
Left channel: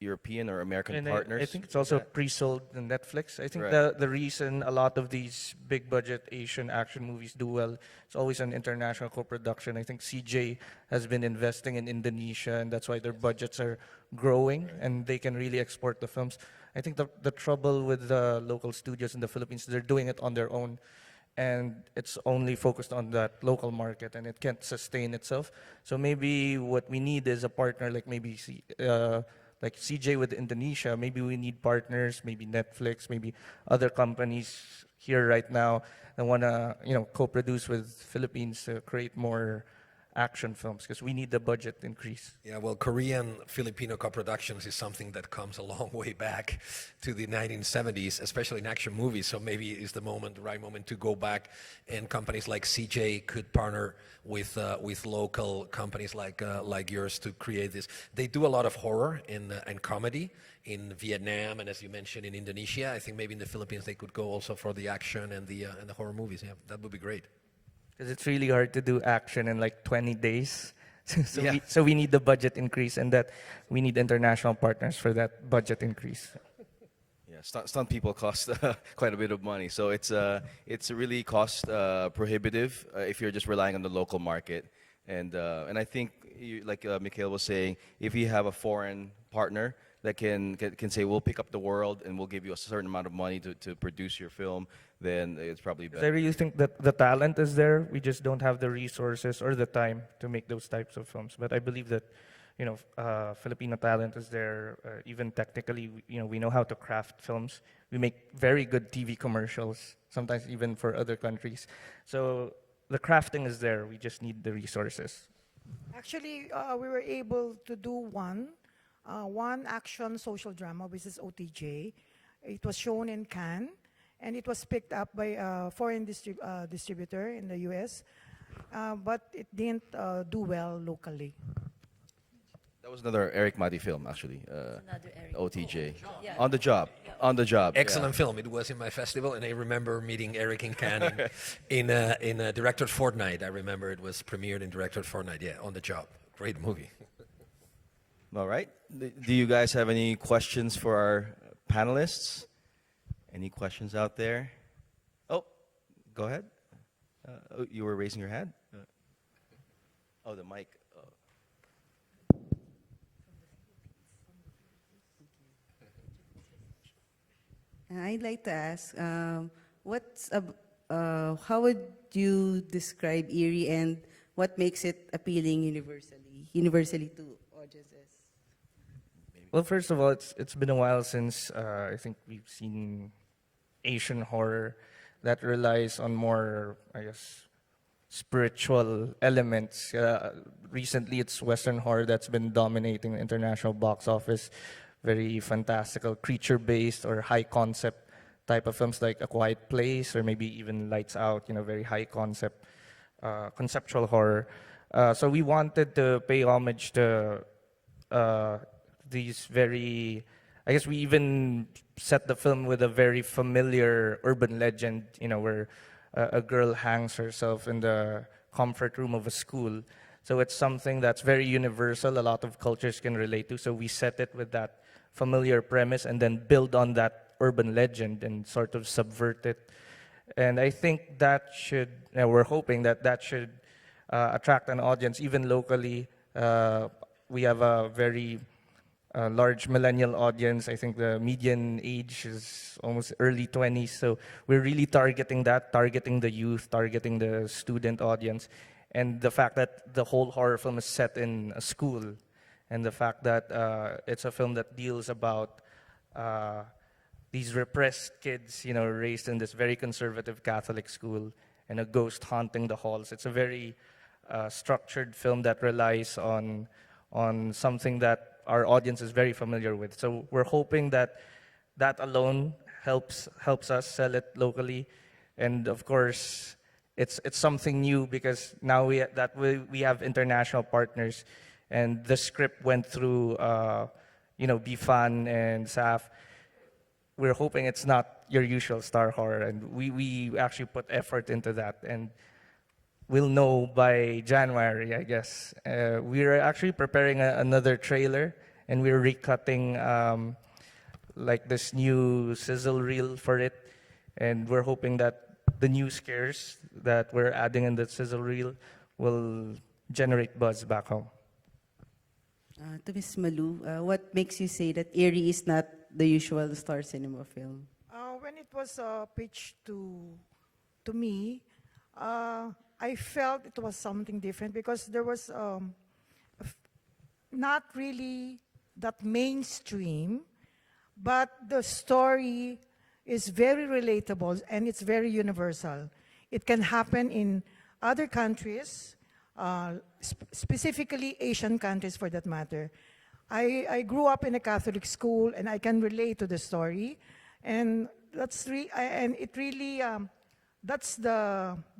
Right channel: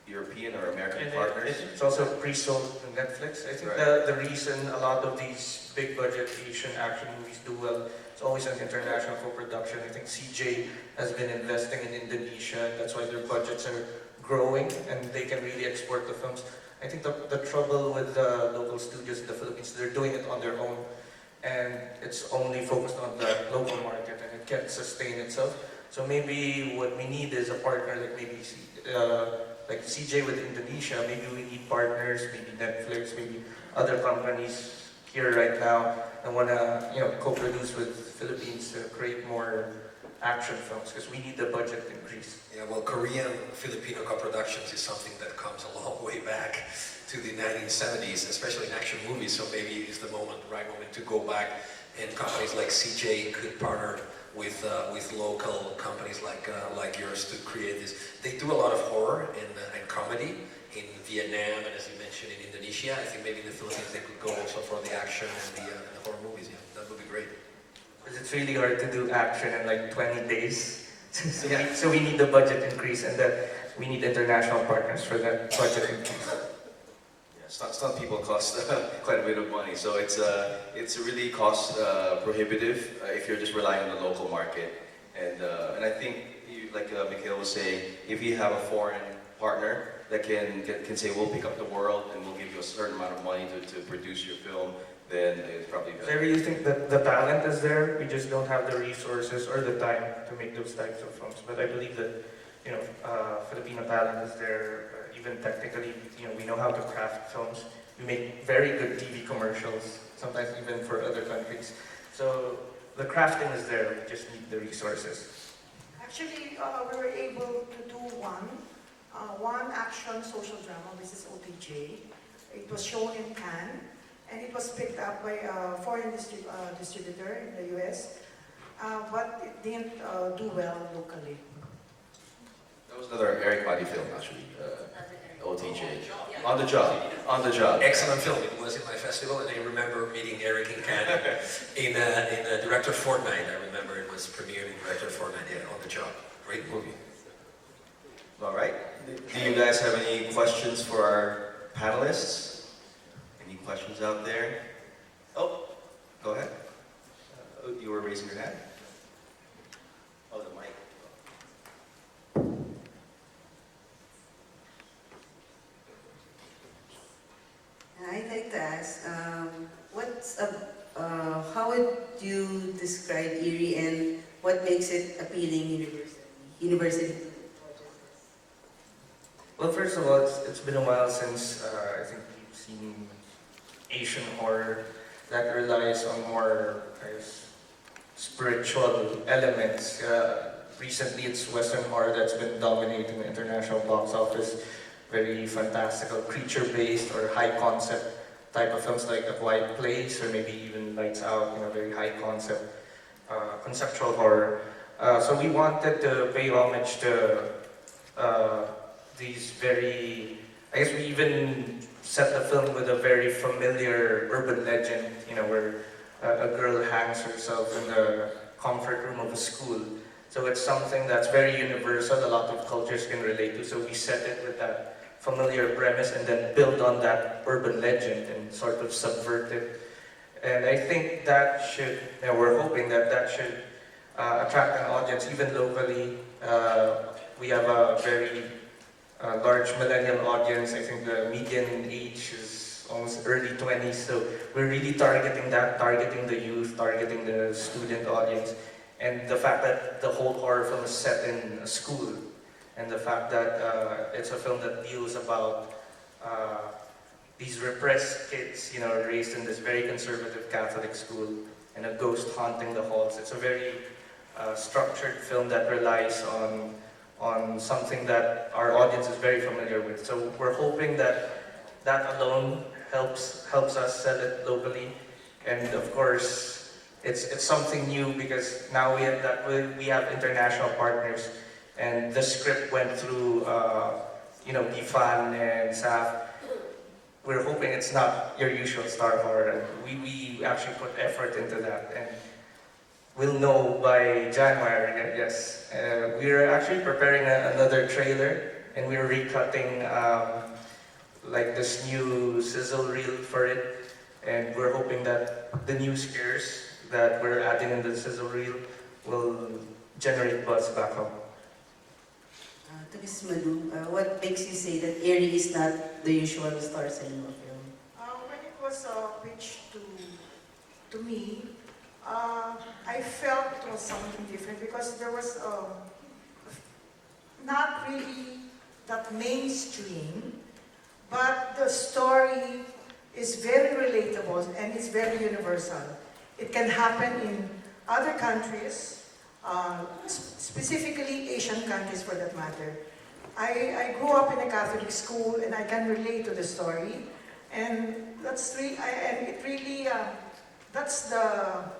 European or American partners. It's also pre-sold on Netflix. I think the reason a lot of these big budget Asian action movies do well, it's always an international co-production. I think CJ has been investing in Indonesia, and that's why their budgets are growing and they can really export the films. I think the trouble with the local studios in the Philippines is they're doing it on their own, and it's only focused on the local market and it can't sustain itself. So maybe what we need is a partner that maybe like CJ with Indonesia, maybe we need partners, maybe Netflix, maybe other companies here right now that want to co-produce with Philippines to create more action films because we need the budget increase. Yeah, well, Korean-Filipino co-productions is something that comes a long way back to the 1970s, especially in action movies. So maybe it's the right moment to go back, and companies like CJ could partner with local companies like yours to create this. They do a lot of horror and comedy in Vietnam, as you mentioned, in Indonesia. I think maybe in the Philippines they could go also for the action and the horror movies. Yeah, that would be great. Because it's really hard to do action in like 20 days. So we need the budget increase, and we need international partners for that budget increase. Some people cost quite a bit of money, so it's really cost prohibitive if you're just relying on the local market. And I think, like Mikhail was saying, if you have a foreign partner that can say, we'll pick up the world and we'll give you a certain amount of money to produce your film, then it's probably better. So you think that the talent is there? We just don't have the resources or the time to make those types of films. But I believe that Filipino talent is there. Even technically, we know how to craft films. We make very good TV commercials, sometimes even for other countries. So the crafting is there. We just need the resources. Actually, we were able to do one action social drama, which is OTJ. It was shown in Cannes, and it was picked up by a foreign distributor in the US, but it didn't do well locally. That was another Eric Madi film, actually. OTJ. On the job. Excellent film. It was in my festival, and I remember meeting Eric in Canada in a Director Fortnight. I remember it was premiered in Director Fortnight. Yeah, on the job. Great movie. All right. Do you guys have any questions for our panelists? Any questions out there? Oh, go ahead. You were raising your hand? Oh, the mic. I'd like to ask, how would you describe Erie and what makes it appealing universally? Well, first of all, it's been a while since I think we've seen Asian horror that relies on more, spiritual elements. Recently, it's Western horror that's been dominating the international box office. Very fantastical, creature-based or high-concept type of films like A Quiet Place or maybe even Lights Out, very high-concept, conceptual horror. So we wanted to pay homage to these very, we even set the film with a very familiar urban legend, where a girl hangs herself in the comfort room of a school. So it's something that's very universal, a lot of cultures can relate to, so we set it with that familiar premise and then build on that urban legend and sort of subvert it And I think that should, we're hoping that that should attract an audience even locally. We have a very large millennial audience. I think the median age is almost early 20s. So we're really targeting that, targeting the youth, targeting the student audience. And the fact that the whole horror film is set in a school, and the fact that it's a film that deals about these repressed kids, raised in this very conservative Catholic school, and a ghost haunting the halls. It's a very structured film that relies on something that our audience is very familiar with. So we're hoping that that alone helps us sell it locally, and of course it's something new because now we have international partners, and the script went through IFAN and SAF. We're hoping it's not your usual star horror, and we actually put effort into that, and we'll know by January, I guess. We're actually preparing another trailer, and we're recutting like this new sizzle reel for it, and we're hoping that the new scares that we're adding in the sizzle reel will generate buzz back home. To Ms. Malu, what makes you say that Eerie is not the usual Star Cinema film? When it was pitched to me, I felt it was something different because there was not really that mainstream, but the story is very relatable and it's very universal. It can happen in other countries, specifically Asian countries for that matter. I grew up in a Catholic school and I can relate to the story, and that's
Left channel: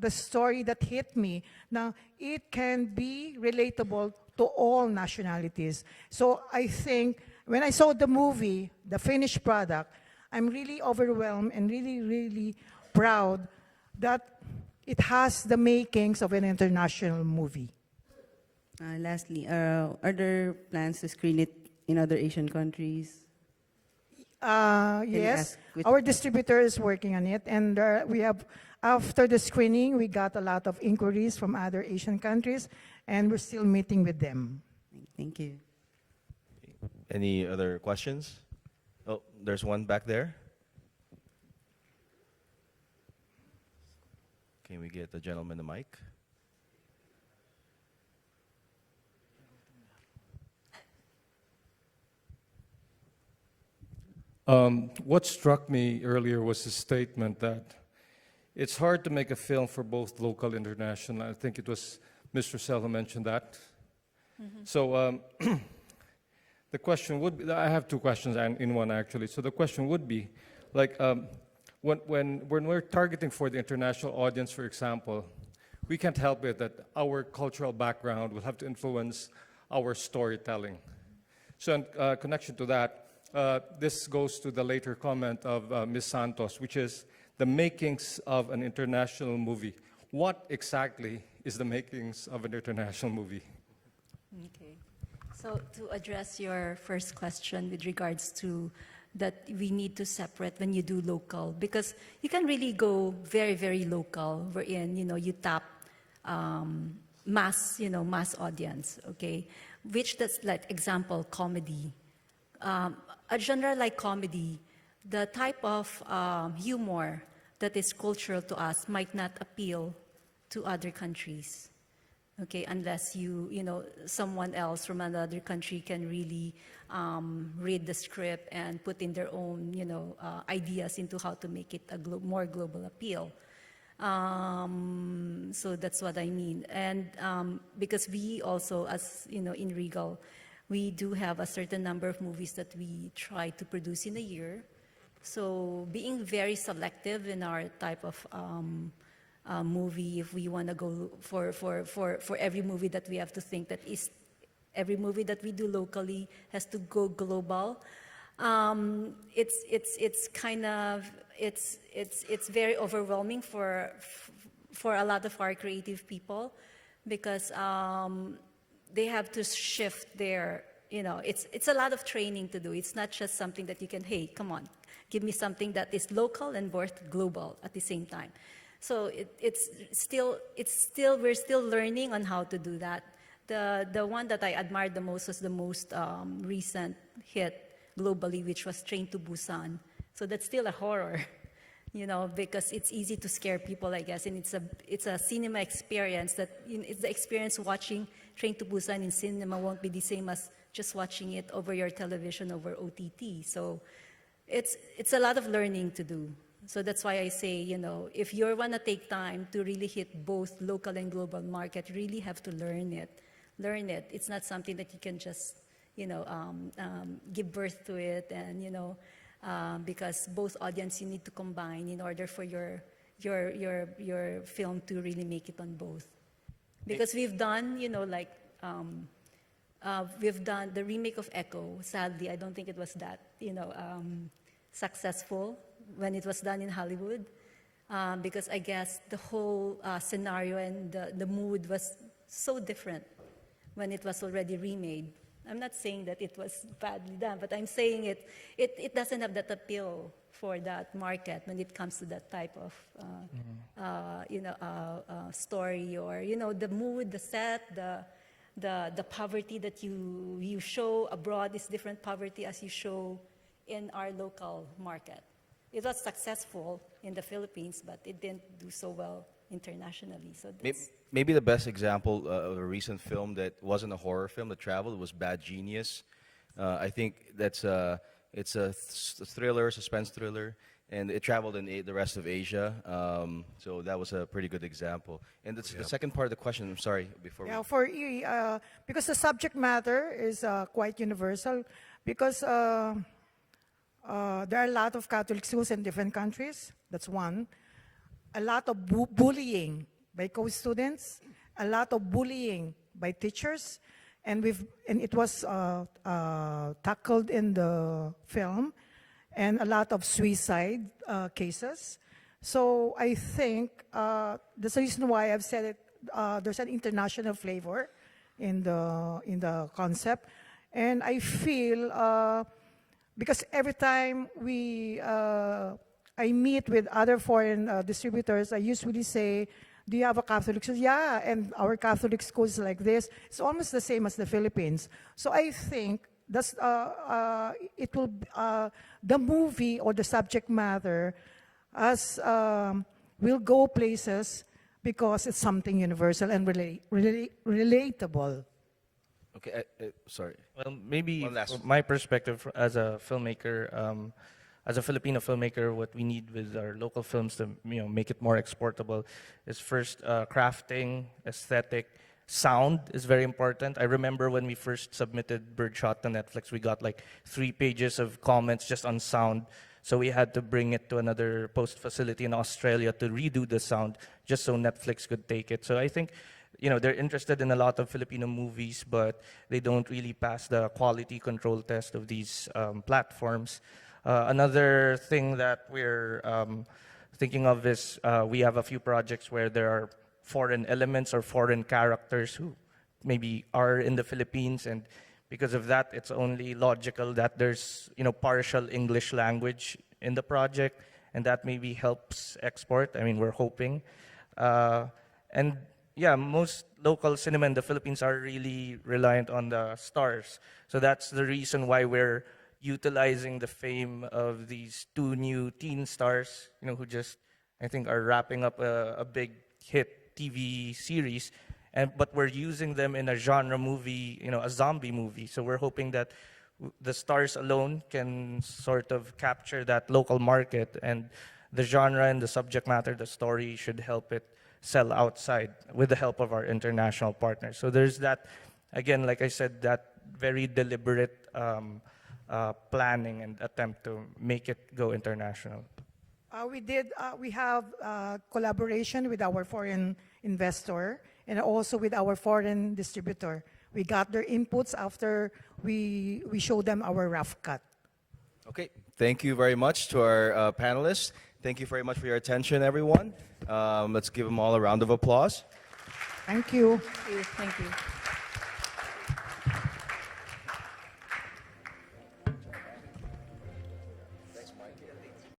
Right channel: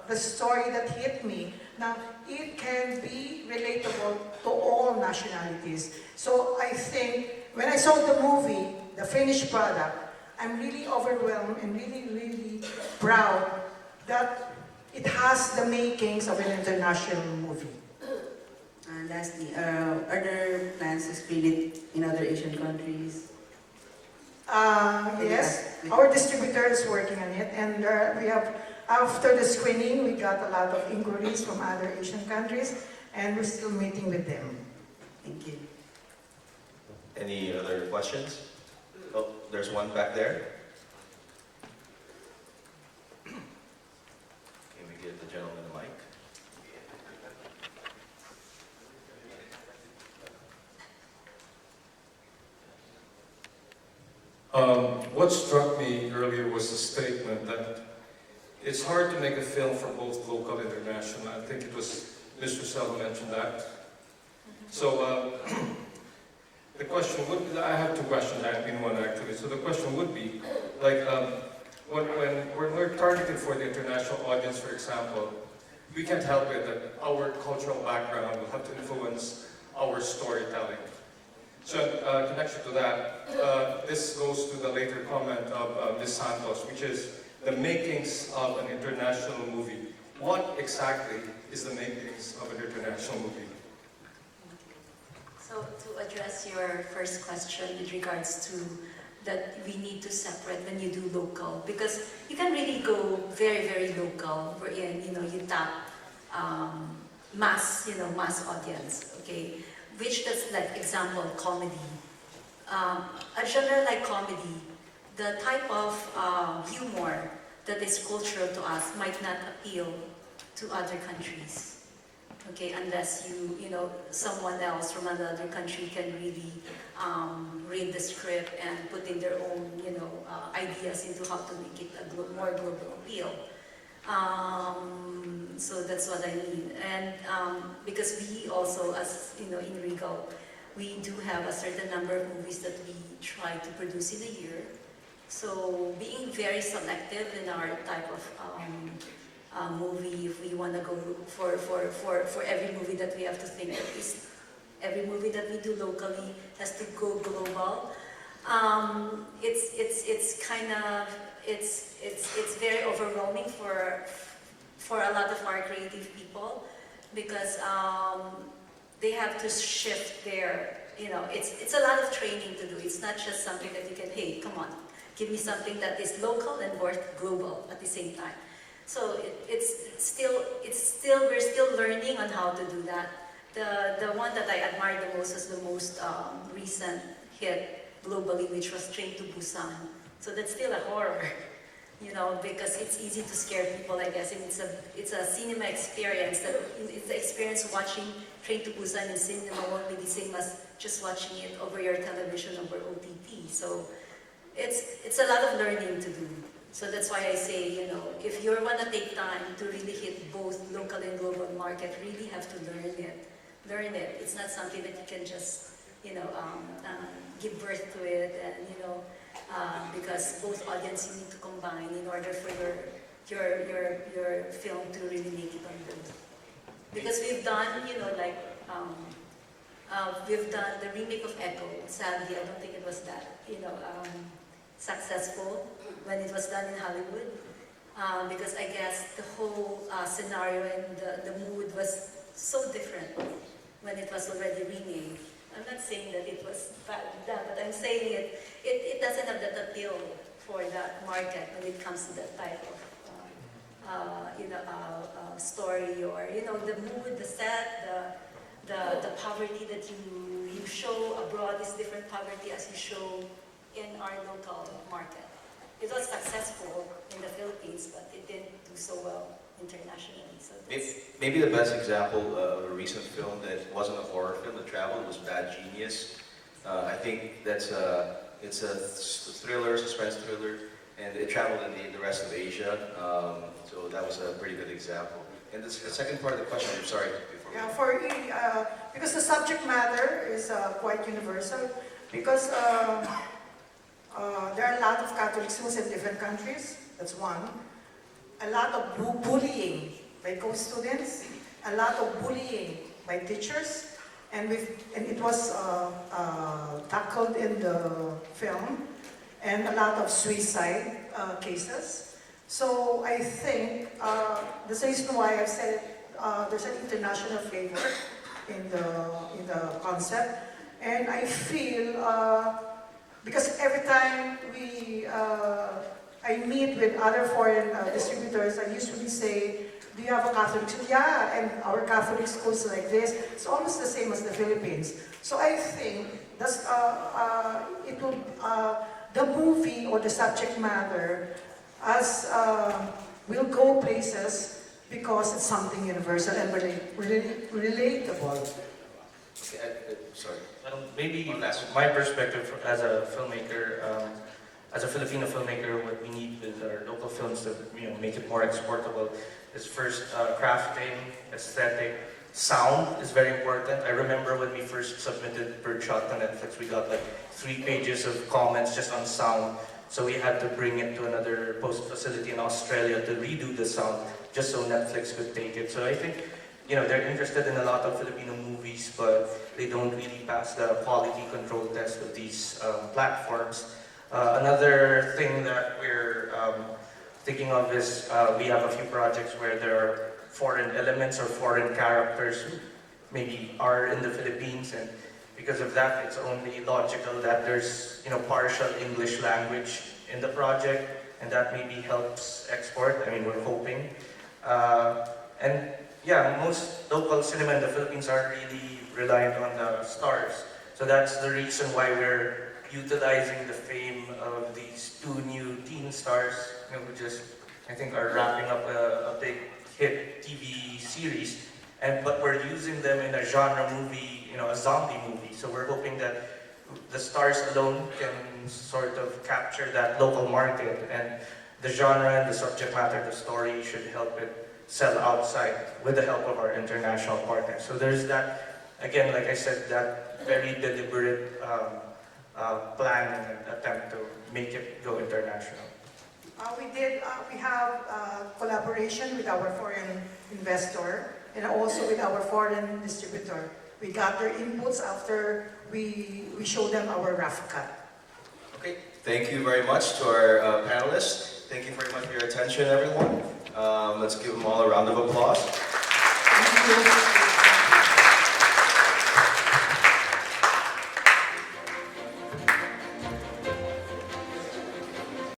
the story that hit me. Now, it can be relatable to all nationalities. So I think when I saw the movie, the finished product, I'm really overwhelmed and really, really proud that it has the makings of an international movie. Lastly, are there plans to screen it in other Asian countries? Yes, our distributor is working on it, and we have, after the screening, we got a lot of inquiries from other Asian countries, and we're still meeting with them. Thank you. Any other questions? Oh, there's one back there. Can we give the gentleman the mic? What struck me earlier was the statement that it's hard to make a film for both local and international. I think it was Mr. Sell who mentioned that. So the question would, I have two questions in one actually. So the question would be, like, when we're targeting for the international audience, for example, we can't help it that our cultural background will have to influence our storytelling. So in connection to that, this goes to the later comment of Ms. Santos, which is the makings of an international movie. What exactly is the makings of an international movie? So to address your first question with regards to that we need to separate when you do local, because you can really go very, very local, wherein you tap mass audience, okay? Which is like example comedy. A genre like comedy, the type of humor that is cultural to us might not appeal to other countries. Okay, unless someone else from another country can really read the script and put in their own, ideas into how to make it a more global appeal. So that's what I mean. And because we also, as in Regal, we do have a certain number of movies that we try to produce in a year. So being very selective in our type of movie, if we want to go for every movie that we have to think that is every movie that we do locally has to go global. It's very overwhelming for a lot of our creative people because they have to shift their, it's a lot of training to do. It's not just something that you can, hey, come on, give me something that is local and work global at the same time. So we're still learning on how to do that. The one that I admire the most is the most recent hit globally, which was Train to Busan. So that's still a horror, because it's easy to scare people, I guess. It's a cinema experience. It's the experience watching Train to Busan in cinema won't be the same as just watching it over your television over OTT. So it's a lot of learning to do. So that's why I say, if you're gonna take time to really hit both local and global market, really have to learn it. Learn it. It's not something that you can just, give birth to it, and because both audiences need to combine in order for your film to really make it on both. Because we've done, we've done the remake of Echo. Sadly, I don't think it was that, successful when it was done in Hollywood, because I guess the whole scenario and the mood was so different when it was already remade. I'm not saying that it was badly done, but I'm saying it doesn't have that appeal for that market when it comes to that type of story, or the mood, the set, the poverty that you show abroad is different poverty as you show in our local market. It was successful in the Philippines, but it didn't do so well internationally. So Maybe the best example of a recent film that wasn't a horror film, The Travel, was Bad Genius. I think it's a thriller, suspense thriller, and it traveled in the rest of Asia. So that was a pretty good example. And the second part of the question, I'm sorry. Because the subject matter is quite universal, because there are a lot of Catholic schools in different countries. That's one. A lot of bullying by co-students, a lot of bullying by teachers, and it was tackled in the film, and a lot of suicide cases. So I think that's the reason why I said there's an international flavor in the concept, and I feel because every time I meet with other foreign distributors, I usually say, do you have a Catholic school? Yeah, and our Catholic schools like this. It's almost the same as the Philippines. So I think that's, the movie or the subject matter will go places because it's something universal and relatable. Okay, sorry. Well, maybe my perspective as a filmmaker, as a Filipino filmmaker, what we need with our local films to make it more exportable is first crafting, aesthetic, sound is very important. I remember when we first submitted Birdshot to Netflix, we got like 3 pages of comments just on sound. So we had to bring it to another post facility in Australia to redo the sound just so Netflix could take it. So I think they're interested in a lot of Filipino movies, but they don't really pass the quality control test of these platforms. Another thing that we're thinking of is we have a few projects where there are foreign elements or foreign characters who maybe are in the Philippines, and because of that, it's only logical that there's partial English language in the project, and that maybe helps export. I mean, we're hoping. And yeah, most local cinema in the Philippines are really reliant on the stars. So that's the reason why we're utilizing the fame of these 2 new teen stars, who just, I think, are wrapping up a big hit TV series. But we're using them in a genre movie, a zombie movie. So we're hoping that the stars alone can sort of capture that local market, and the genre and the subject matter, the story should help it sell outside with the help of our international partners. So there's that, again, like I said, that very deliberate plan and attempt to make it go international. We have collaboration with our foreign investor and also with our foreign distributor. We got their inputs after we show them our rough cut. Okay, thank you very much to our panelists. Thank you very much for your attention, everyone. Let's give them all a round of applause. Thank you.